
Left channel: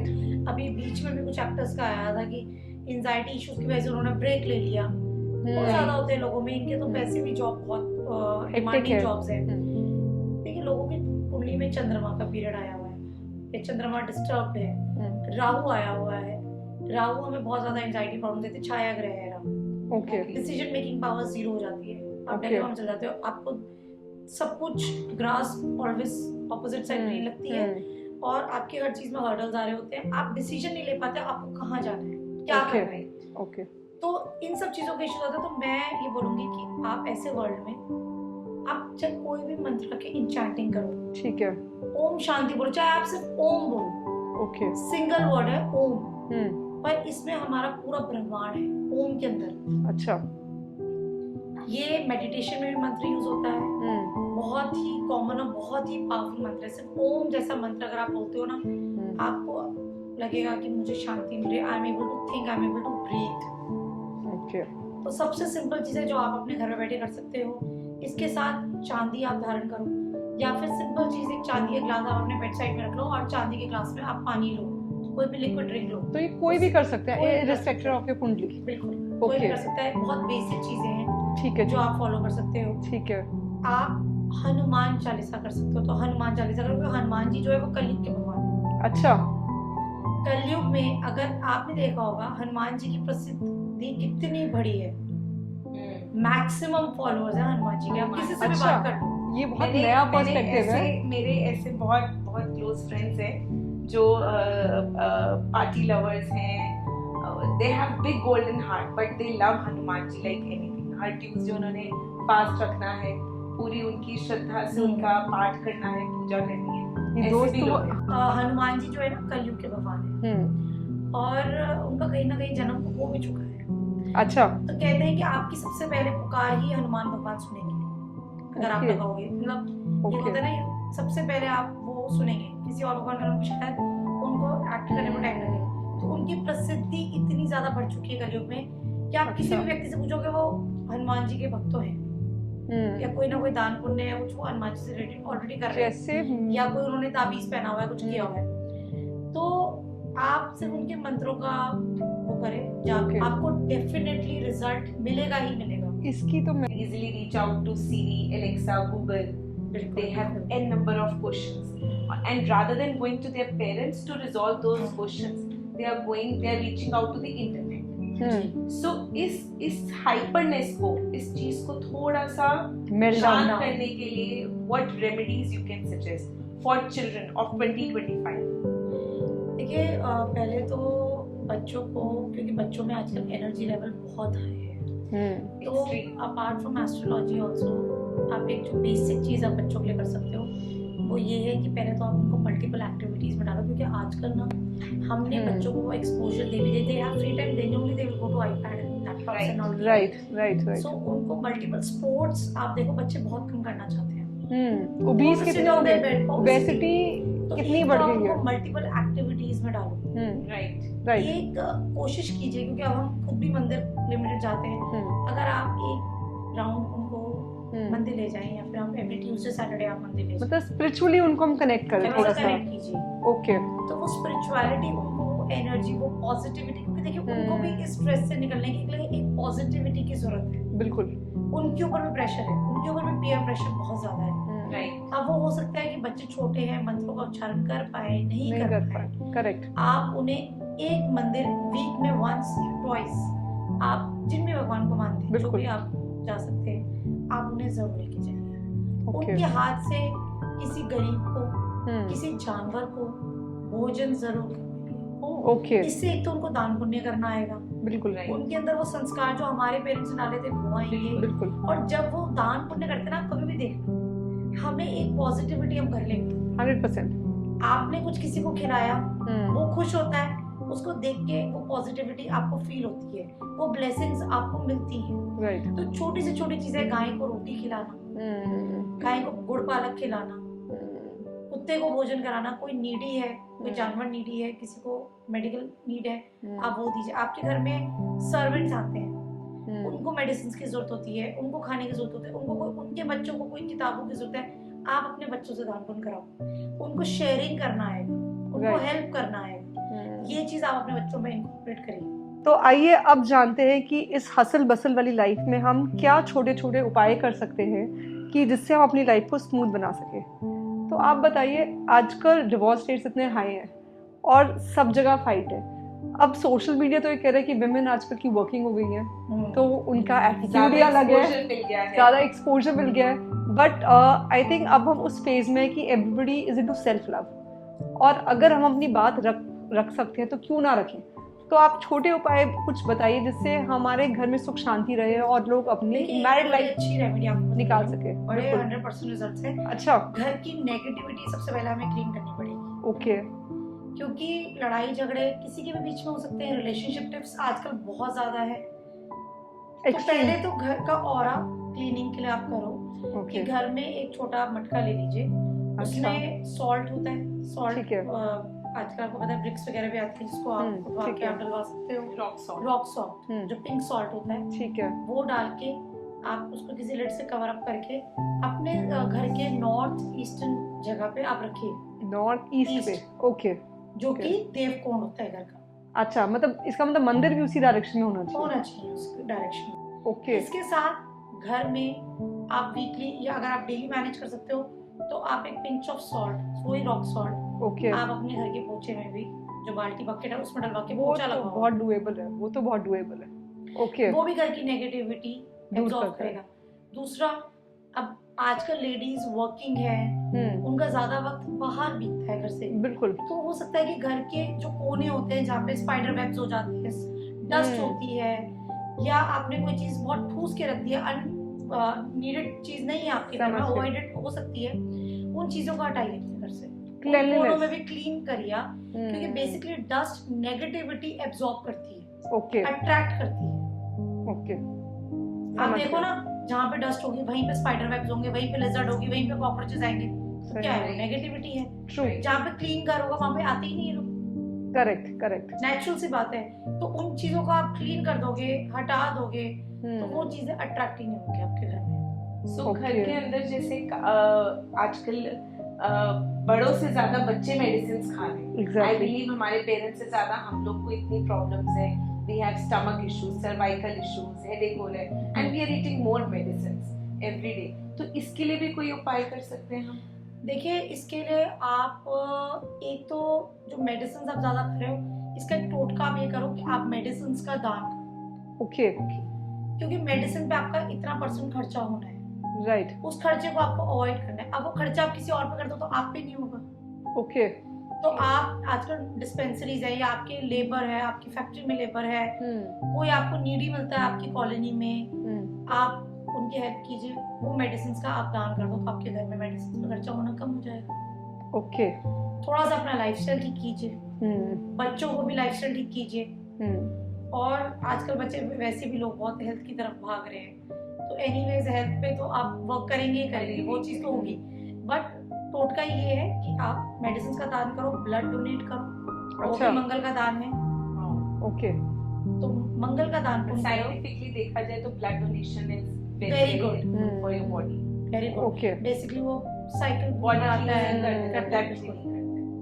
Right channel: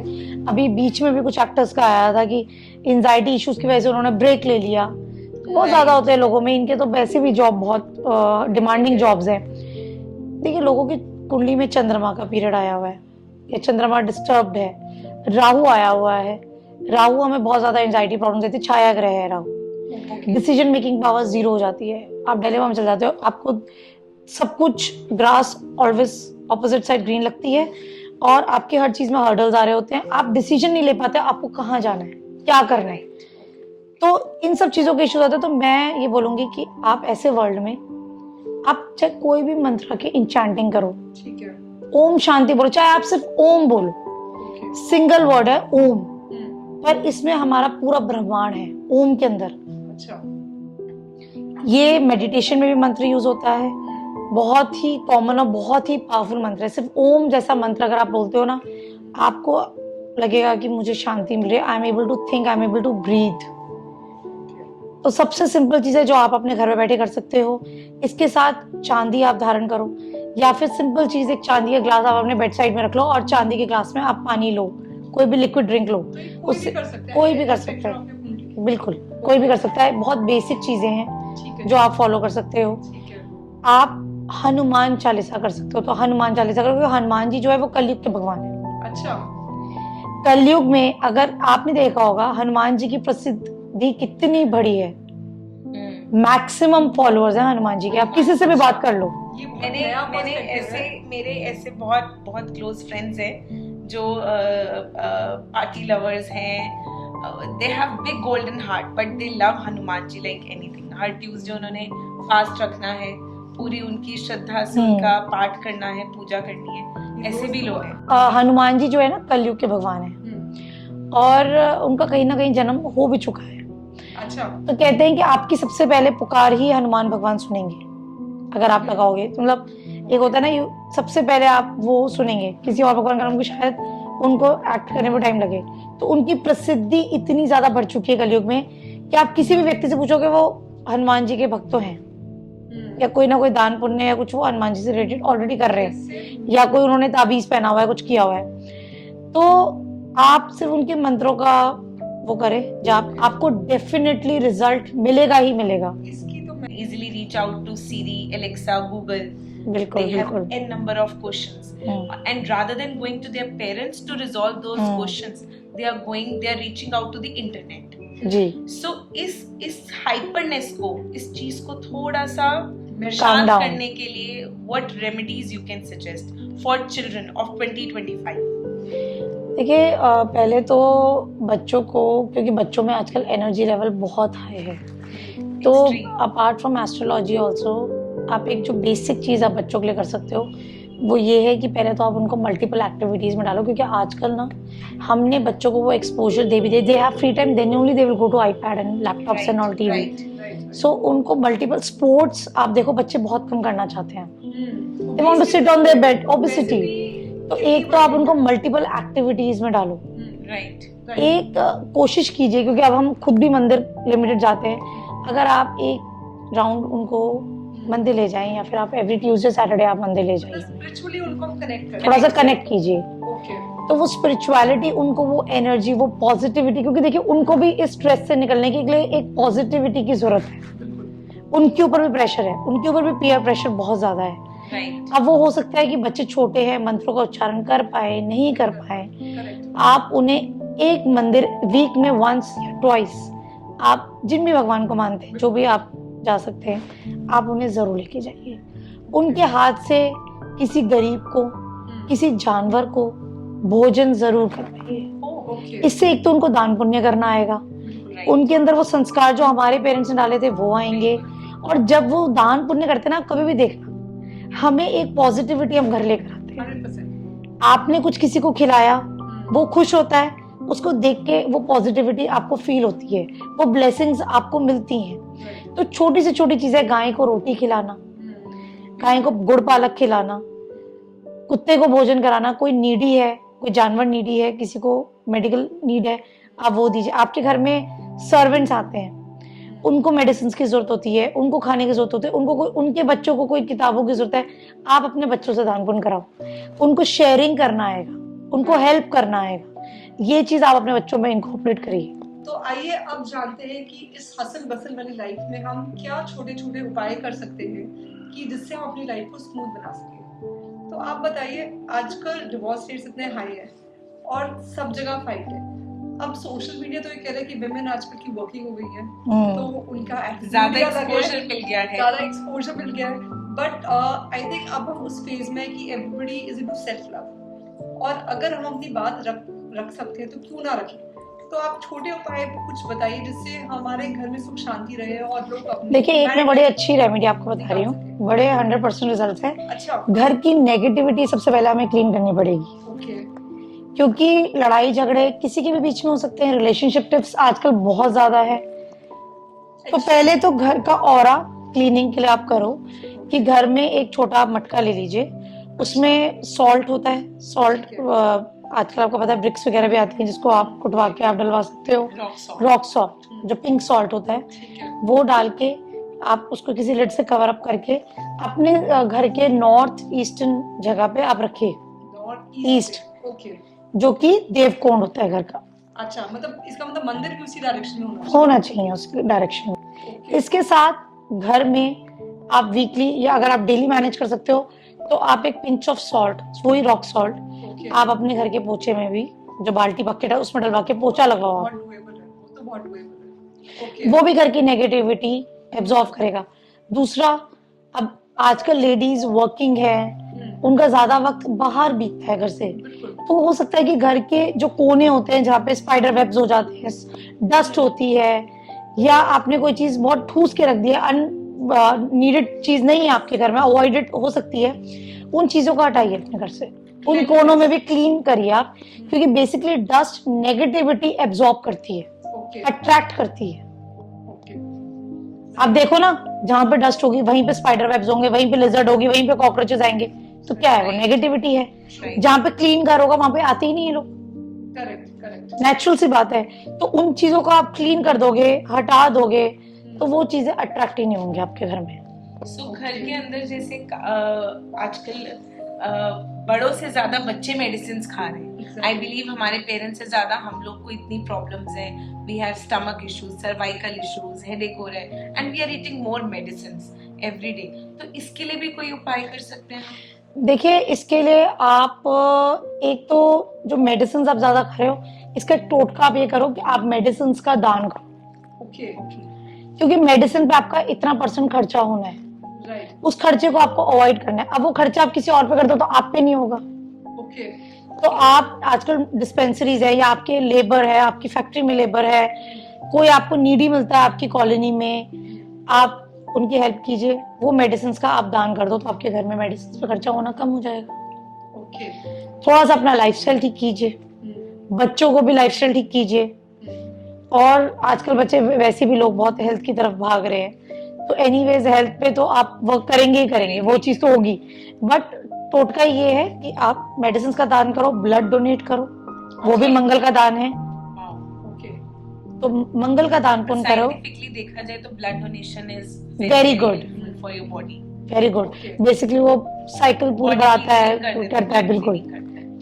अभी बीच में भी कुछ एक्टर्स का आया था कि एंजाइटी इश्यूज की वजह से उन्होंने ब्रेक ले लिया। बहुत ज्यादा होते हैं लोगों में, इनके तो वैसे भी जॉब बहुत डिमांडिंग जॉब्स हैं। देखिए, लोगों की कुंडली में चंद्रमा का पीरियड आया हुआ है या चंद्रमा डिस्टर्ब्ड है, राहु आया हुआ है। राहु हमें बहुत ज्यादा एंजाइटी प्रॉब्लम देती है, छाया ग्रह है Rahu. Decision making power zero हो जाती है, आप डिलेमा में चल जाते हो, आपको सब कुछ grass always opposite side green लगती है, और आपके हर चीज में हर्डल्स आ रहे होते हैं, आप डिसीजन नहीं ले पाते आपको कहाँ जाना है, क्या करना है। ओके तो इन सब चीजों के इश्यूज आते हैं। तो मैं ये बोलूंगी कि आप ऐसे वर्ल्ड में आप चाहे कोई भी मंत्र के इंचैंटिंग करो, ठीक है ओम शांति बोलो, चाहे आप सिर्फ ओम बोलो, ओके सिंगल वर्ड है ओम, पर इसमें हमारा पूरा ब्रह्मांड है ओम के अंदर। अच्छा ये मेडिटेशन में भी मंत्र यूज होता है, बहुत ही कॉमन और बहुत ही पावरफुल मंत्र है। सिर्फ ओम जैसा मंत्र अगर आप बोलते हो ना, आपको लगेगा कि मुझे शांति मिल रही है, I am able to think, I am able to breathe. Okay तो सबसे सिंपल चीज है जो आप अपने घर में बैठे कर सकते हो। इसके साथ चांदी आप धारण करो, या फिर सिंपल चीज एक चांदी का ग्लास आप अपने बेड साइड में रख लो और चांदी के ग्लास में आप पानी लो, कोई भी लिक्विड ड्रिंक लो। तो ये कोई भी कर सकता है, कोई भी कर सकता है, ऑफ योर कुंडली, बिल्कुल कोई भी कर सकता है। बहुत बेसिक चीजें हैं ठीक है जो आप फॉलो कर सकते हो। ठीक है आप हनुमान चालीसा कर सकते हो, तो हनुमान चालीसा करो, क्योंकि हनुमान जी जो है वो कलयुग के भगवान है। अच्छा कलयुग में अगर आपने देखा होगा हनुमान जी की प्रसिद्धि कितनी बड़ी है, मैक्सिमम फॉलोअर्स हैं हनुमान जी के, आप किसी से भी अच्छा। बात कर लो। ये बहुत मैंने नया मैंने पर्सपेक्टिव है। ऐसे मेरे ऐसे बहुत बहुत क्लोज फ्रेंड्स हैं जो पार्टी लवर्स हैं, they have big golden heart but they love Hanuman ji like anything. हर ट्यूसडे उन्होंने फास्ट रखना है, पूरी उनकी श्रद्धा से उनका पाठ करना है, पूजा करनी है, ऐसे भी लोग हैं। हनुमान जी जो है ना कलयुग के भगवान है, और उनका कहीं ना कहीं जन्म हो भी चुका है। अच्छा तो कहते हैं कि आपकी सबसे पहले पुकार ही हनुमान भगवान सुनेंगे अगर आप लगाओगे। तो मतलब एक होता है ना, सबसे पहले आप वो सुनेंगे, किसी और भगवान का नाम को शायद उनको एक्ट करने में टाइम लगे। तो उनकी प्रसिद्धि इतनी ज्यादा बढ़ चुकी है कलयुग में कि आप किसी भी व्यक्ति से पूछोगे वो हनुमान जी के भक्त तो हैं, या कोई ना कोई दान पुण्य या कुछ वो हनुमान जी से रिलेटेड ऑलरेडी कर रहे हैं, या कोई उन्होंने ताबीज पहना हुआ है, कुछ किया हुआ है। तो आप सिर्फ उनके मंत्रों का वो करें जाप, आपको डेफिनेटली रिजल्ट मिलेगा ही मिलेगा। इसकी तो मैं Easily reach out to Siri, Alexa, Google. बिल्कुल They have बिल्कुल n number of questions, and rather than going to their parents to resolve those questions, they are reaching out to the internet. Ji. So इस hyperness को, इस चीज को थोड़ा सा Calm शांत down. करने के लिए what remedies you can suggest for children of 2025? देखिए पहले तो बच्चों को, क्योंकि बच्चों में आजकल एनर्जी लेवल बहुत हाई है, तो Extreme. Apart from astrology also आप एक जो बेसिक चीज़ आप बच्चों के लिए कर सकते हो वो ये है कि पहले तो आप उनको मल्टीपल एक्टिविटीज़ में डालो, क्योंकि आजकल ना हमने बच्चों को वो एक्सपोजर दे भी दिया, they have free time, then only they will go to iPad and laptops and all TV. Right so उनको मल्टीपल स्पोर्ट्स, आप देखो बच्चे बहुत कम करना चाहते हैं, they want to sit on their bed, obesity. तो एक तो आप उनको मल्टीपल एक्टिविटीज में डालो। Right. एक कोशिश कीजिए, क्योंकि अब हम खुद भी मंदिर लिमिटेड जाते हैं, अगर आप एक राउंड उनको मंदिर ले जाएं, या फिर आप एवरी ट्यूसडे सैटरडे आप मंदिर ले जाएं, स्पिरिचुअली उनको हम कनेक्ट करें, थोड़ा सा कनेक्ट कीजिए। ओके तो वो स्पिरिचुअलिटी, उनको वो एनर्जी, वो पॉजिटिविटी, क्योंकि देखिए उनको भी इस स्ट्रेस से निकलने के लिए एक पॉजिटिविटी की जरूरत है। बिल्कुल उनके ऊपर भी प्रेशर है, उनके ऊपर भी पीयर प्रेशर बहुत ज्यादा है। Right. अब वो हो सकता है कि बच्चे छोटे हैं, मंत्रों का उच्चारण कर पाए, नहीं कर पाए, करेक्ट आप उन्हें एक मंदिर वीक में वंस या ट्वाइस, आप जिन भी भगवान को मानते हैं, जो भी आप जा सकते हैं, आप उन्हें जरूर लेके जाइए। उनके हाथ से किसी गरीब को, किसी जानवर को भोजन जरूर करवाइए। ओके इससे एक तो उनको दान पुण्य करना आएगा, बिल्कुल उनके अंदर वो संस्कार जो हमारे पेरेंट्स ने डाले थे वो आएंगे, बिल्कुल और जब वो दान पुण्य करते हैं ना, कभी भी देखना हमें एक पॉजिटिविटी हम घर लेकर आते हैं। 100%। आपने कुछ किसी को खिलाया, वो खुश होता है, उसको देख के वो पॉजिटिविटी आपको फील होती है, वो ब्लेसिंग्स आपको मिलती हैं। राइट तो छोटी से छोटी चीजें, गाय को रोटी खिलाना, गाय को गुड़ पालक खिलाना, कुत्ते को भोजन कराना, कोई नीडी है, कोई जानवर नीडी है, किसी को मेडिकल नीड है, आप वो दीजिए। आपके घर में सर्वेंट्स आते हैं, उनको मेडिसिन की जरूरत होती है, उनको खाने की जरूरत होती है, उनको उनके बच्चों को कोई किताबों की जरूरत है, आप अपने बच्चों से दान पुण्य कराओ। उनको शेयरिंग करना आएगा, उनको हेल्प करना आएगा, ये चीज आप अपने बच्चों में इनकॉर्पोरेट करिए। तो आइए अब जानते हैं कि इस हसल बसल वाली लाइफ में हम क्या छोटे छोटे उपाय कर सकते हैं कि जिससे हम अपनी लाइफ को स्मूथ बना सके। तो आप बताइए, आजकल डिवोर्स रेट्स इतने हाई हैं और सब जगह फाइट है। अब सोशल मीडिया तो ये कह रहा है कि विमेन आजकल की वर्किंग हो गई है, तो उनका ज्यादा attitude अलग है, exposure मिल गया है। ज़्यादा एक्सपोजर मिल गया है। बट आई थिंक अब हम उस फेज में है कि everybody is into self love, और अगर हम अपनी बात रख सकते हैं तो क्यों ना रखें। तो आप छोटे उपाय कुछ बताइए जिससे हमारे घर में सुख शांति रहे और लोग अपनी देखिए, एक मैं बड़ी अच्छी रेमेडी आपको बता निकाल रही हूँ, सके। बड़े 100% रिजल्ट है। अच्छा, घर की नेगेटिविटी सबसे पहले हमें क्लीन करनी पड़ेगी, ओके, क्योंकि लड़ाई झगड़े किसी के भी बीच में हो सकते हैं। रिलेशनशिप टिप्स आजकल बहुत ज्यादा है। तो पहले तो घर का ऑरा क्लीनिंग के लिए आप करो कि घर में एक छोटा मटका ले लीजिए, उसमें सॉल्ट होता है। सॉल्ट ठीक है। आजकल आपको पता है ब्रिक्स वगैरह भी आती हैं जिसको आप कुटवा के आप डलवा सकते हो। Rock salt. रॉक सॉल्ट जो पिंक सॉल्ट होता है, ठीक है, वो डाल के आप उसको किसी लिड से कवर अप करके अपने घर के नॉर्थ ईस्टर्न जगह पे आप रखिए, नॉर्थ ईस्ट, ईस्ट, ओके। जो कि देवकोण होता है घर का। अच्छा, मतलब इसका मतलब मंदिर भी उसी डायरेक्शन में होना चाहिए उस डायरेक्शन में। ओके, इसके साथ घर में आप वीकली या अगर आप डेली मैनेज कर सकते हो तो आप एक पिंच ऑफ सॉल्ट, वही रॉक सॉल्ट, ओके, आप अपने घर के पोछे में भी, जो बाल्टी बकेट है उसमें डलवा के पोछा लगाओ। बहुत डुएबल है, वो तो बहुत डुएबल है। ओके, वो भी घर की नेगेटिविटी एब्जॉर्ब करता है। करेगा। दूसरा, अब आजकल लेडीज वर्किंग है, हम्म, उनका ज्यादा वक्त बाहर बीतता है घर से, बिल्कुल, तो हो सकता है कि घर के जो कोने होते हैं जहाँ पे स्पाइडर वेब्स हो जाते हैं, डस्ट होती है, या आपने कोई चीज बहुत ठूस के रख दी है, नीडेड चीज नहीं है आपके घर में, अवॉइडेड हो सकती है, उन चीजों को हटाइए अपने घर से। उन कोनों में भी क्लीन करिए आप, क्योंकि बेसिकली डस्ट नेगेटिविटी एब्जॉर्ब करती है, ओके, अट्रैक्ट करती है। ओके, आप देखो ना, जहाँ पे डस्ट होगी वहीं पे स्पाइडर वेब्स होंगे, वहीं पे लिजर्ड होगी, वहीं पे कॉकरोचेस आएंगे, तो क्या है वो नेगेटिविटी है। ट्रू, जहाँ पे क्लीन घर होगा वहां पे आते ही नहीं है लोग, करेक्ट, करेक्ट, नेचुरल सी बात है। तो उन चीजों को आप क्लीन कर दोगे, हटा दोगे, तो वो चीजें अट्रैक्ट ही नहीं होंगी आपके घर में। सो घर के अंदर जैसे आजकल बड़ों से ज्यादा बच्चे मेडिसिन खा रहे हैं। Exactly. आई बिलीव हमारे पेरेंट्स से ज्यादा हम लोग को इतनी प्रॉब्लम्स है। We have stomach issues, cervical issues, headache हो रहा है, and we are eating more medicines every day. तो इसके लिए भी कोई उपाय कर सकते हैं हम? देखिए, इसके लिए आप एक तो जो मेडिसिन आप ज्यादा खा रहे हो, इसका एक टोटका आप ये करो कि आप मेडिसिन का दान करो। ओके, क्योंकि मेडिसिन पे आपका इतना % खर्चा होना है, राइट, उस खर्चे को आपको अवॉइड करना है। अब वो खर्चा आप किसी और पे कर दो तो आप पे नहीं होगा। ओके, तो आप आजकल डिस्पेंसरीज है, या आपके लेबर है, आपकी फैक्ट्री में लेबर है, कोई आपको नीडी मिलता है आपकी कॉलोनी में, आप उनकी हेल्प कीजिए, वो मेडिसिन का आप दान कर दो, तो आपके घर में मेडिसिन पे खर्चा होना कम हो जाएगा। ओके, थोड़ा सा अपना लाइफस्टाइल ठीक कीजिए, बच्चों को भी लाइफस्टाइल ठीक कीजिए। और आजकल बच्चे वैसे भी लोग बहुत हेल्थ की तरफ भाग रहे हैं, तो एनीवेज हेल्थ पे तो आप वर्क करेंगे ही करेंगे, वो चीज तो होगी। बट टोटका ये है कि आप मेडिसिन का दान करो, ब्लड डोनेट करो, वो भी मंगल का दान है। ओके, तो मंगल का दान पुण्य करो, साइंटिफिकली देखा जाए तो blood donation is Very good. For your body. Very good. Okay. Basically वो साइकिल पूरी बढ़ाता है, करता है, बिल्कुल।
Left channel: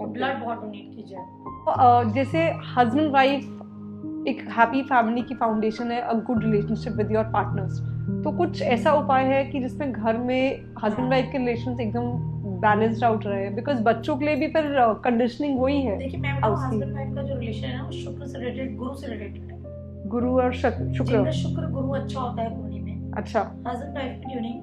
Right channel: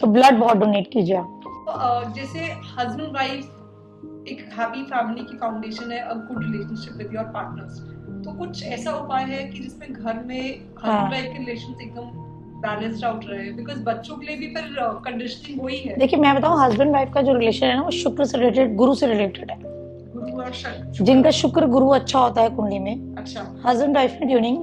तो ब्लड बहुत डोनेट कीजिए आप। जैसे हस्बैंड वाइफ एक हैप्पी फैमिली की फाउंडेशन है, a good relationship with your partners. तो कुछ ऐसा उपाय है कि जिसमें घर में हस्बैंड वाइफ के रिलेशंस एकदम बैलेंस्ड आउट रहे, बिकॉज बच्चों के लिए भी फिर कंडीशनिंग वही है। देखिए, मैं बताऊं, हस्बैंड वाइफ का जो रिलेशन है ना, वो शुक्र से रिलेटेड, गुरु से रिलेटेड है। गुरु और शुक्र, जिनका शुक्र गुरु अच्छा होता है कुंडली में, अच्छा, हस्बैंड वाइफ में ट्यूनिंग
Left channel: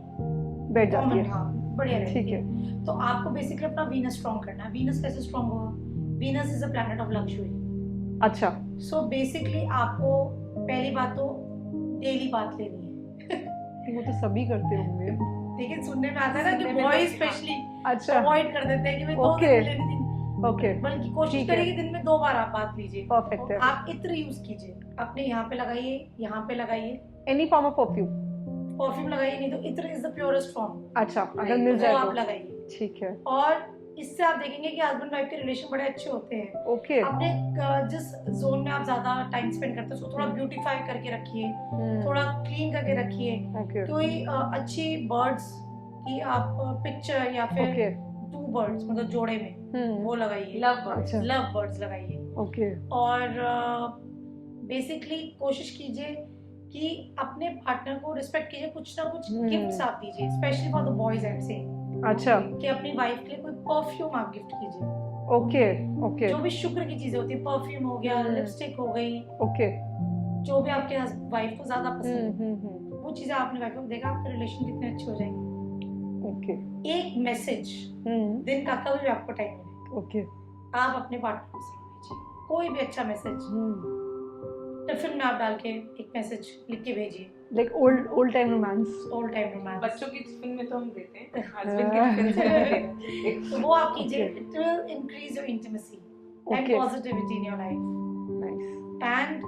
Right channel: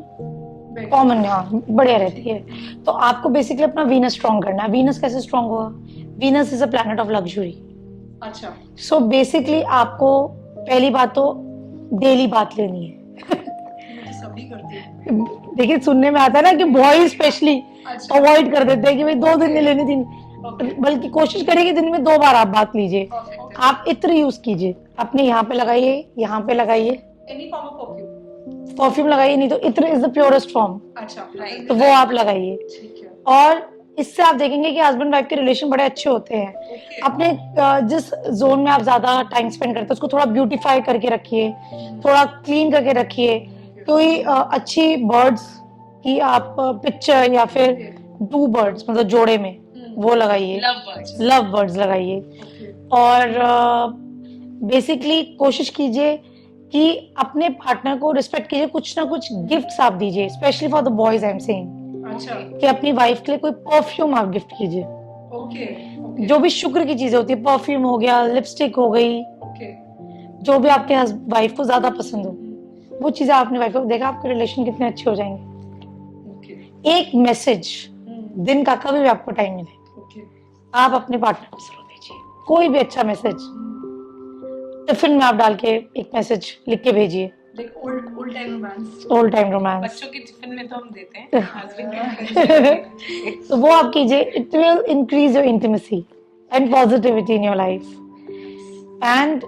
better. कॉमन बढ़िया रहती है। तो आपको बेसिकली अपना वीनस स्ट्रॉन्ग करना है। वीनस कैसे स्ट्रॉन्ग होगा? Venus is a planet of luxury. अच्छा, सो बेसिकली आपको पहली बात तो डेली बात लेनी है। वो तो सभी करते होंगे। देखिए, सुनने में आता है ना कि बॉयज स्पेशली अच्छा, अवॉइड कर देते हैं कि भाई 2 दिन में Okay. लेनी थी, ओके, बल्कि कोशिश करिए कि दिन में 2 बार आप बात लीजिए। परफेक्ट है। आप इत्र यूज कीजिए, अपने यहाँ पे लगाइए, यहाँ पे लगाइए, any form of perfume? Perfume लगाइए, नहीं तो इत्र इज द प्योरेस्ट फॉर्म, अच्छा, अगर तो मिल वो जाए आप तो लगाइए। ठीक है। और इससे आप देखेंगे कि हस्बैंड वाइफ के रिलेशन बड़े अच्छे होते हैं। ओके, अपने जिस जोन में आप ज्यादा टाइम स्पेंड करते हैं उसको थोड़ा ब्यूटीफाई करके रखिए, थोड़ा क्लीन करके रखिए। ओके, कोई अच्छी बर्ड्स की आप पिक्चर या फिर ओके, 2 बर्ड्स मतलब जोड़े में वो लगाइए, लव बर्ड्स। अच्छा, लव बर्ड्स लगाइए। ओके, और बेसिकली कोशिश कीजिए कि अपने पार्टनर को रिस्पेक्ट कीजिए, कुछ ना कुछ गिफ्ट्स आप दीजिए, specially for the boys I am saying, अच्छा, कि अपनी वाइफ के लिए कोई परफ्यूम आप गिफ्ट कीजिए। ओके, ओके, जो भी शुक्र की चीजें होती है, परफ्यूम हो गया, लिपस्टिक हो गई, ओके, जो भी आपके वाइफ को ज्यादा पसंद हो, वो चीजें आपने वाइफ को देखा, आपके रिलेशन कितने अच्छे हो जाएंगे। ओके, एक मैसेज दिन का कभी भी आपको टाइम मिले, ओके, आप अपने पार्टनर को जरूर दीजिए कोई भी अच्छा मैसेज। टिफिन में आप डाल के एक मैसेज लिख के भेजिए, like old time romance. Old time romance. बच्चों के टिफिन में तो हम देते हैं, हस्बैंड के टिफिन में नहीं देना चाहिए। तो वो आप कीजिए, it will increase your intimacy and positivity in your life. And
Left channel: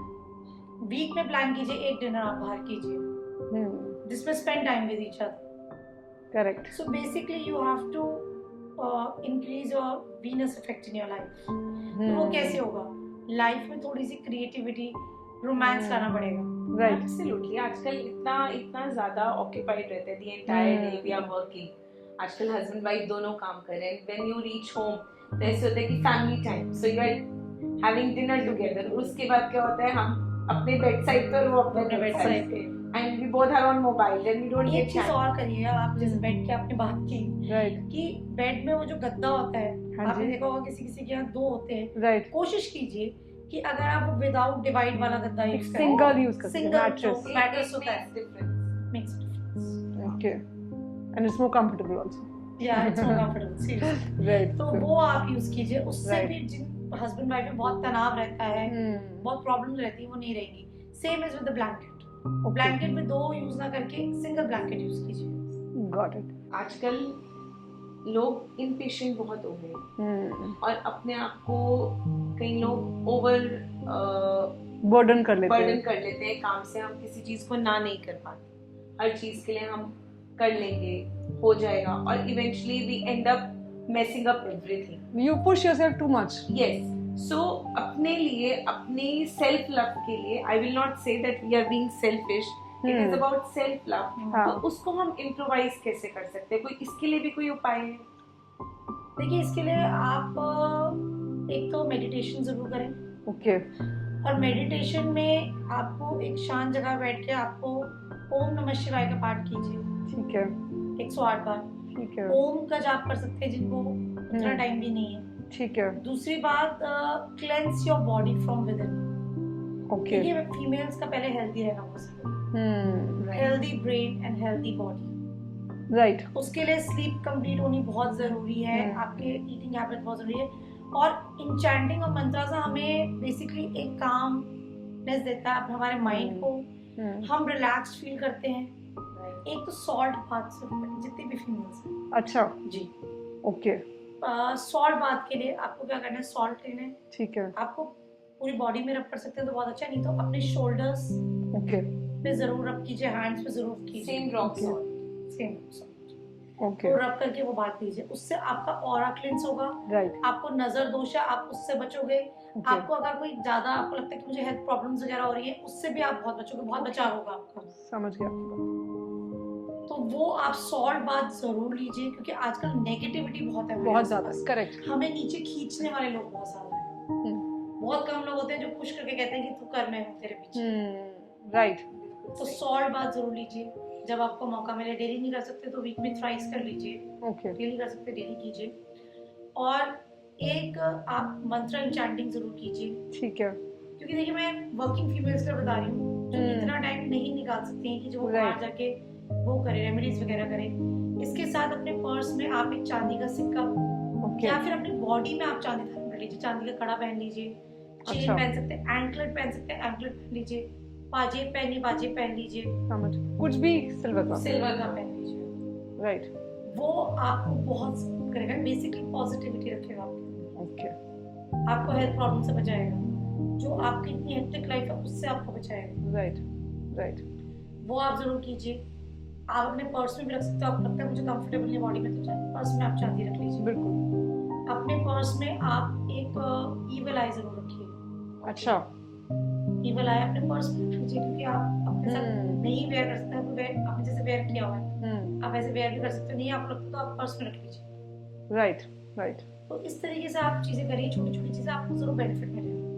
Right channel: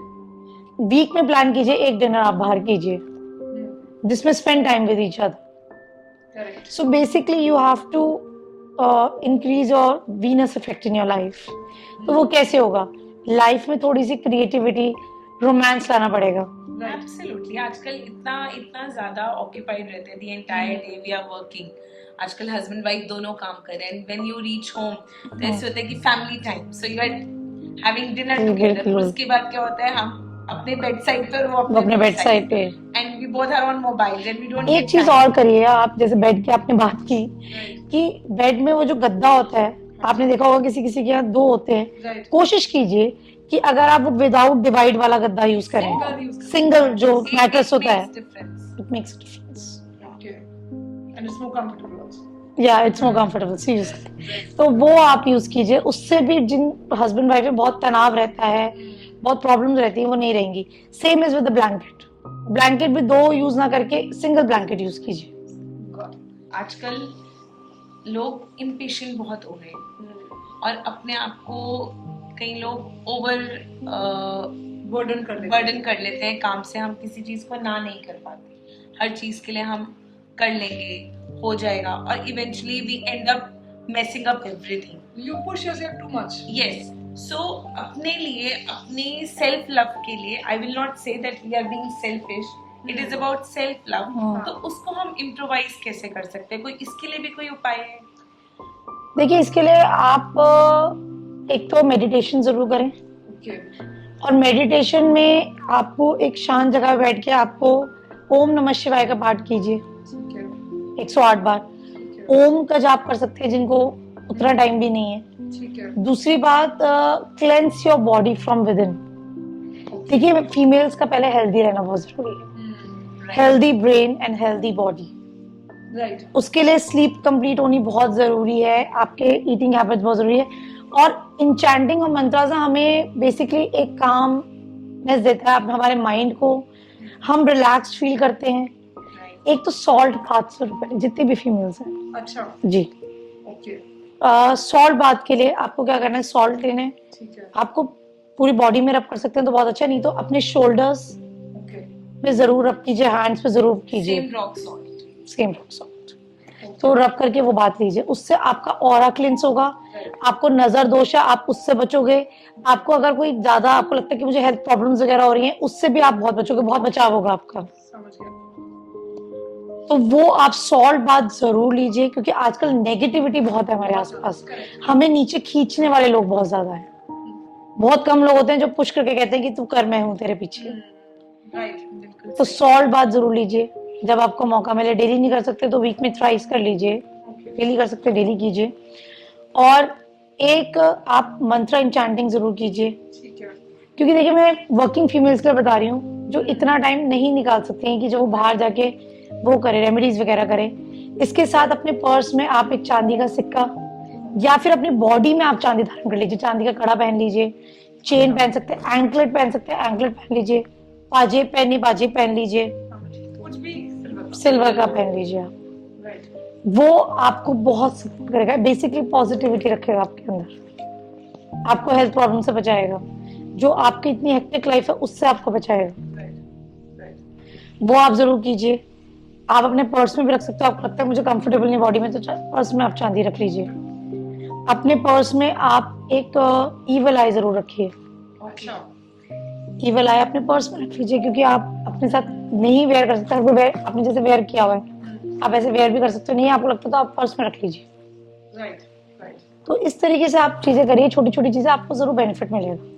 week में प्लान कीजिए एक डिनर आप बाहर कीजिए जिसमें spend time with each other. Correct. So basically you have to increase your Venus effect in your life. तो वो कैसे होगा? लाइफ में थोड़ी सी क्रिएटिविटी, रोमांस लाना पड़ेगा। राइट। एब्सोल्युटली। आजकल इतना ज्यादा ऑक्यूपाइड रहते हैं, the entire day we are working. आजकल हस्बैंड वाइफ दोनों काम कर रहे हैं, व्हेन यू रीच होम तो ऐसे होता है कि family time, so you are having dinner together. उसके बाद क्या होता है, हम अपने बेड साइड पर, वो अपने बेड साइड पे, and we both are on mobile and we don't. एक चीज और करिए आप, जैसे बेड की आपने बात की कि बेड में वो जो गद्दा होता है, आपने देखा होगा किसी किसी के यहाँ 2 होते हैं। राइट। कोशिश कीजिए कि अगर आप वो विदाउट डिवाइड वाला गद्दा यूज करें, सिंगल जो मैट्रेस होता है, it makes difference. Okay. And it's more comfortable also. या it's more comfortable, seriously. Right. तो वो आप यूज कीजिए, उससे भी जिन हस्बैंड वाइफ में बहुत तनाव रहता है, बहुत प्रॉब्लम्स रहती है, वो नहीं रहेंगी। Same is with the blanket. Blanket भी 2 यूज ना करके सिंगल ब्लैंकेट यूज कीजिए। Got it. आजकल लोग इम्पेशेंट बहुत हो गए और अपने आप को कई लोग ओवर बर्डन कर लेते हैं काम से। हम किसी चीज को ना नहीं कर पाते, हर चीज के लिए हम कर लेंगे, हो जाएगा, और eventually we end up messing up everything. You push yourself too much. Yes. So अपने लिए, अपने सेल्फ लव के लिए, I will not say that we are being selfish, it is about self love. तो उसको हम इम्प्रोवाइज कैसे कर सकते हैं? कोई इसके लिए भी कोई उपाय है? देखिए, इसके लिए आप एक तो मेडिटेशन जरूर करें। ओके। और मेडिटेशन में आपको एक शांत जगह बैठ के आपको ओम नमः शिवाय का पाठ कीजिए। ठीक है। 108 बार। ठीक है। ओम का जाप कर सकते हैं जिनको उतना टाइम भी नहीं है। ठीक है। दूसरी बात, cleanse your body from with in. देखिए, फीमेल्स का पहले हेल्दी रहना बहुत जरूरी है। Healthy brain and healthy body. Right. उसके लिए स्लीप कंप्लीट होनी बहुत जरूरी है, आपके ईटिंग हैबिट्स बहुत जरूरी है, और इंचैंटिंग और मंत्रास हमें बेसिकली एक कामनेस देता है हमारे माइंड को। हम रिलैक्स्ड फील करते हैं। एक तो सॉल्ट बाथ जरूर, जितनी भी फीमेल्स हैं। अच्छा जी। ओके। सॉल्ट बाथ के लिए आपको क्या करना है, सॉल्ट लेने हैं। ठीक है। आपको पूरी बॉडी में रब कर सकते हैं तो बहुत अच्छा, नहीं तो अपने शोल्डर्स ओके पे जरूर रब कीजिए, हैंड्स पे जरूर कीजिए। Same rock salt. Same rock salt. तो रब करके वो बात लीजिए, उससे आपका ऑरा क्लिंस होगा। राइट। आपको नजर दोष है, आप उससे बचोगे। आपको अगर कोई ज्यादा आपको लगता है कि मुझे हेल्थ प्रॉब्लम्स वगैरह हो रही हैं, उससे भी आप बहुत बचोगे, बहुत बचाव होगा आपका। समझ गया। तो वो आप सॉल्ट बात जरूर लीजिए, क्योंकि आजकल नेगेटिविटी बहुत है हमारे आसपास। करेक्ट। हमें नीचे खींचने वाले लोग बहुत ज्यादा हैं। बहुत कम लोग होते हैं जो पुश करके कहते हैं कि तू कर, मैं हूं तेरे पीछे। राइट। बिल्कुल। तो सॉल्ट बात जरूर लीजिए जब आपको मौका मिले। डेली नहीं कर सकते तो वीक में थ्राइस कर लीजिए। ओके। डेली कर सकते डेली कीजिए। और एक आप मंत्र इंचैंटिंग जरूर कीजिए, ठीक है। क्योंकि देखिए, मैं वर्किंग फीमेल्स के लिए बता रही हूँ जो इतना टाइम नहीं निकाल सकती हैं कि जो वो बाहर जाके वो करे, रेमेडीज वगैरह करे। इसके साथ अपने पर्स में आप एक चांदी का सिक्का, या फिर अपनी बॉडी में आप चांदी धारण कर लीजिए। चांदी का कड़ा पहन लीजिए, चेन पहन सकते हैं, एंकलेट पहन सकते हैं, एंकलेट पहन लीजिए, पाजेब पहनिए, पाजेब पहन लीजिए, कुछ भी सिल्वर का पहन लीजिए आप। राइट। वो आपको बहुत सपोर्ट करेगा, बेसिकली पॉजिटिविटी रखेगा आपके अंदर। ओके। आपको हेल्थ प्रॉब्लम से बचाएगा, जो आपकी इतनी हेक्टिक लाइफ है उससे आपको बचाएगा। राइट। राइट। वो आप जरूर कीजिए। आप अपने पर्स में भी रख सकते हो। आपको लगता है मुझे कंफर्टेबल नहीं बॉडी में, तो पर्स में आप चांदी रख लीजिए। अपने पर्स में आप एक ईवल आई जरूर रखिए। अच्छा। ईवल आई अपने पर्स में रख लीजिए, क्योंकि आप अपने साथ नहीं वेयर कर सकते। आपने जैसे वेयर किया हुआ है, आप ऐसे वेयर भी कर सकते हो। नहीं आपको लगता तो आप पर्स में रख लीजिए। राइट। राइट। तो इस तरीके से आप चीजें करिए, छोटी छोटी चीजें, आपको जरूर बेनिफिट मिलेगा।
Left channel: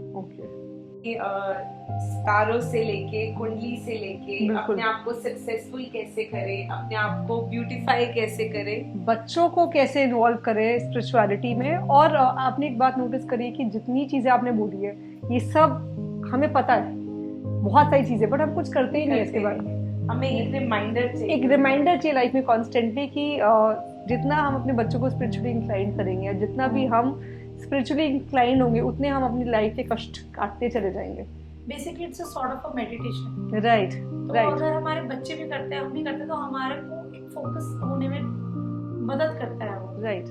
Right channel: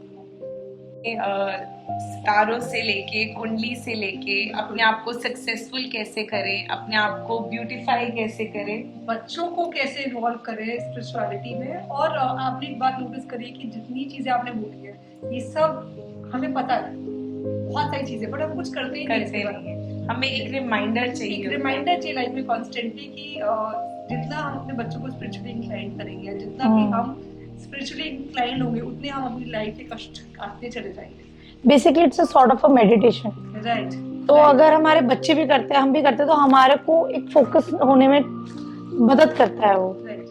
सितारों से लेके, कुंडली से लेके, अपने आप को सक्सेसफुल कैसे करें, अपने आप को ब्यूटीफाई कैसे करें, बच्चों को कैसे इन्वॉल्व करें स्पिरिचुअलिटी में। और आपने एक बात नोटिस करी कि जितनी चीजें आपने बोली है, ये सब हमें पता है, बहुत सारी चीजें, बट हम कुछ करते ही नहीं है इसके बारे में। हमें एक रिमाइंडर चाहिए। एक रिमाइंडर चाहिए लाइफ में कॉन्स्टेंटली कि जितना हम अपने बच्चों को स्पिरिचुअली इंक्लाइन करेंगे, जितना भी हम स्पिरिचुअली इंक्लाइंड होंगे उतने हम अपनी लाइफ के कष्ट काटते चले जाएंगे। Basically it's a sort of a meditation. Right. तो अगर हमारे बच्चे भी करते हैं, हम भी करते हैं, तो हमारे को एक फोकस होने में मदद करता है वो, राइट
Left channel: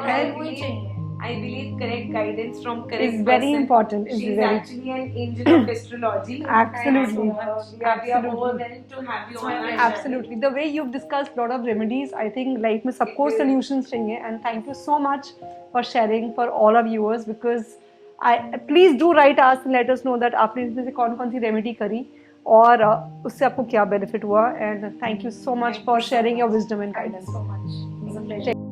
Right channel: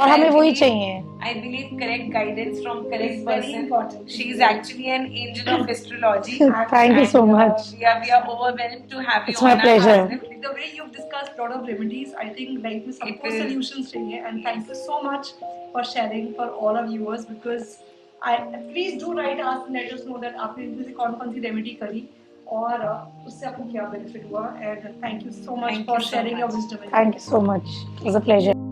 और हमें वही चाहिए। I believe correct guidance from correct It's very person. important. It's She is very- actually an angel of astrology. Thank you so And, much. we are overwhelmed to have you It's my on our pleasure. channel. Absolutely. The way you've discussed a lot of remedies, I think life में सबको will- solutions चाहिए, and thank you so much for sharing for all our viewers, because please do write us and let us know that आपने इसमें से कौन कौन सी remedy करी और उससे आपको क्या benefit हुआ, and thank you so much Thank for you so sharing your much. wisdom and Thank you so much. It was a pleasure.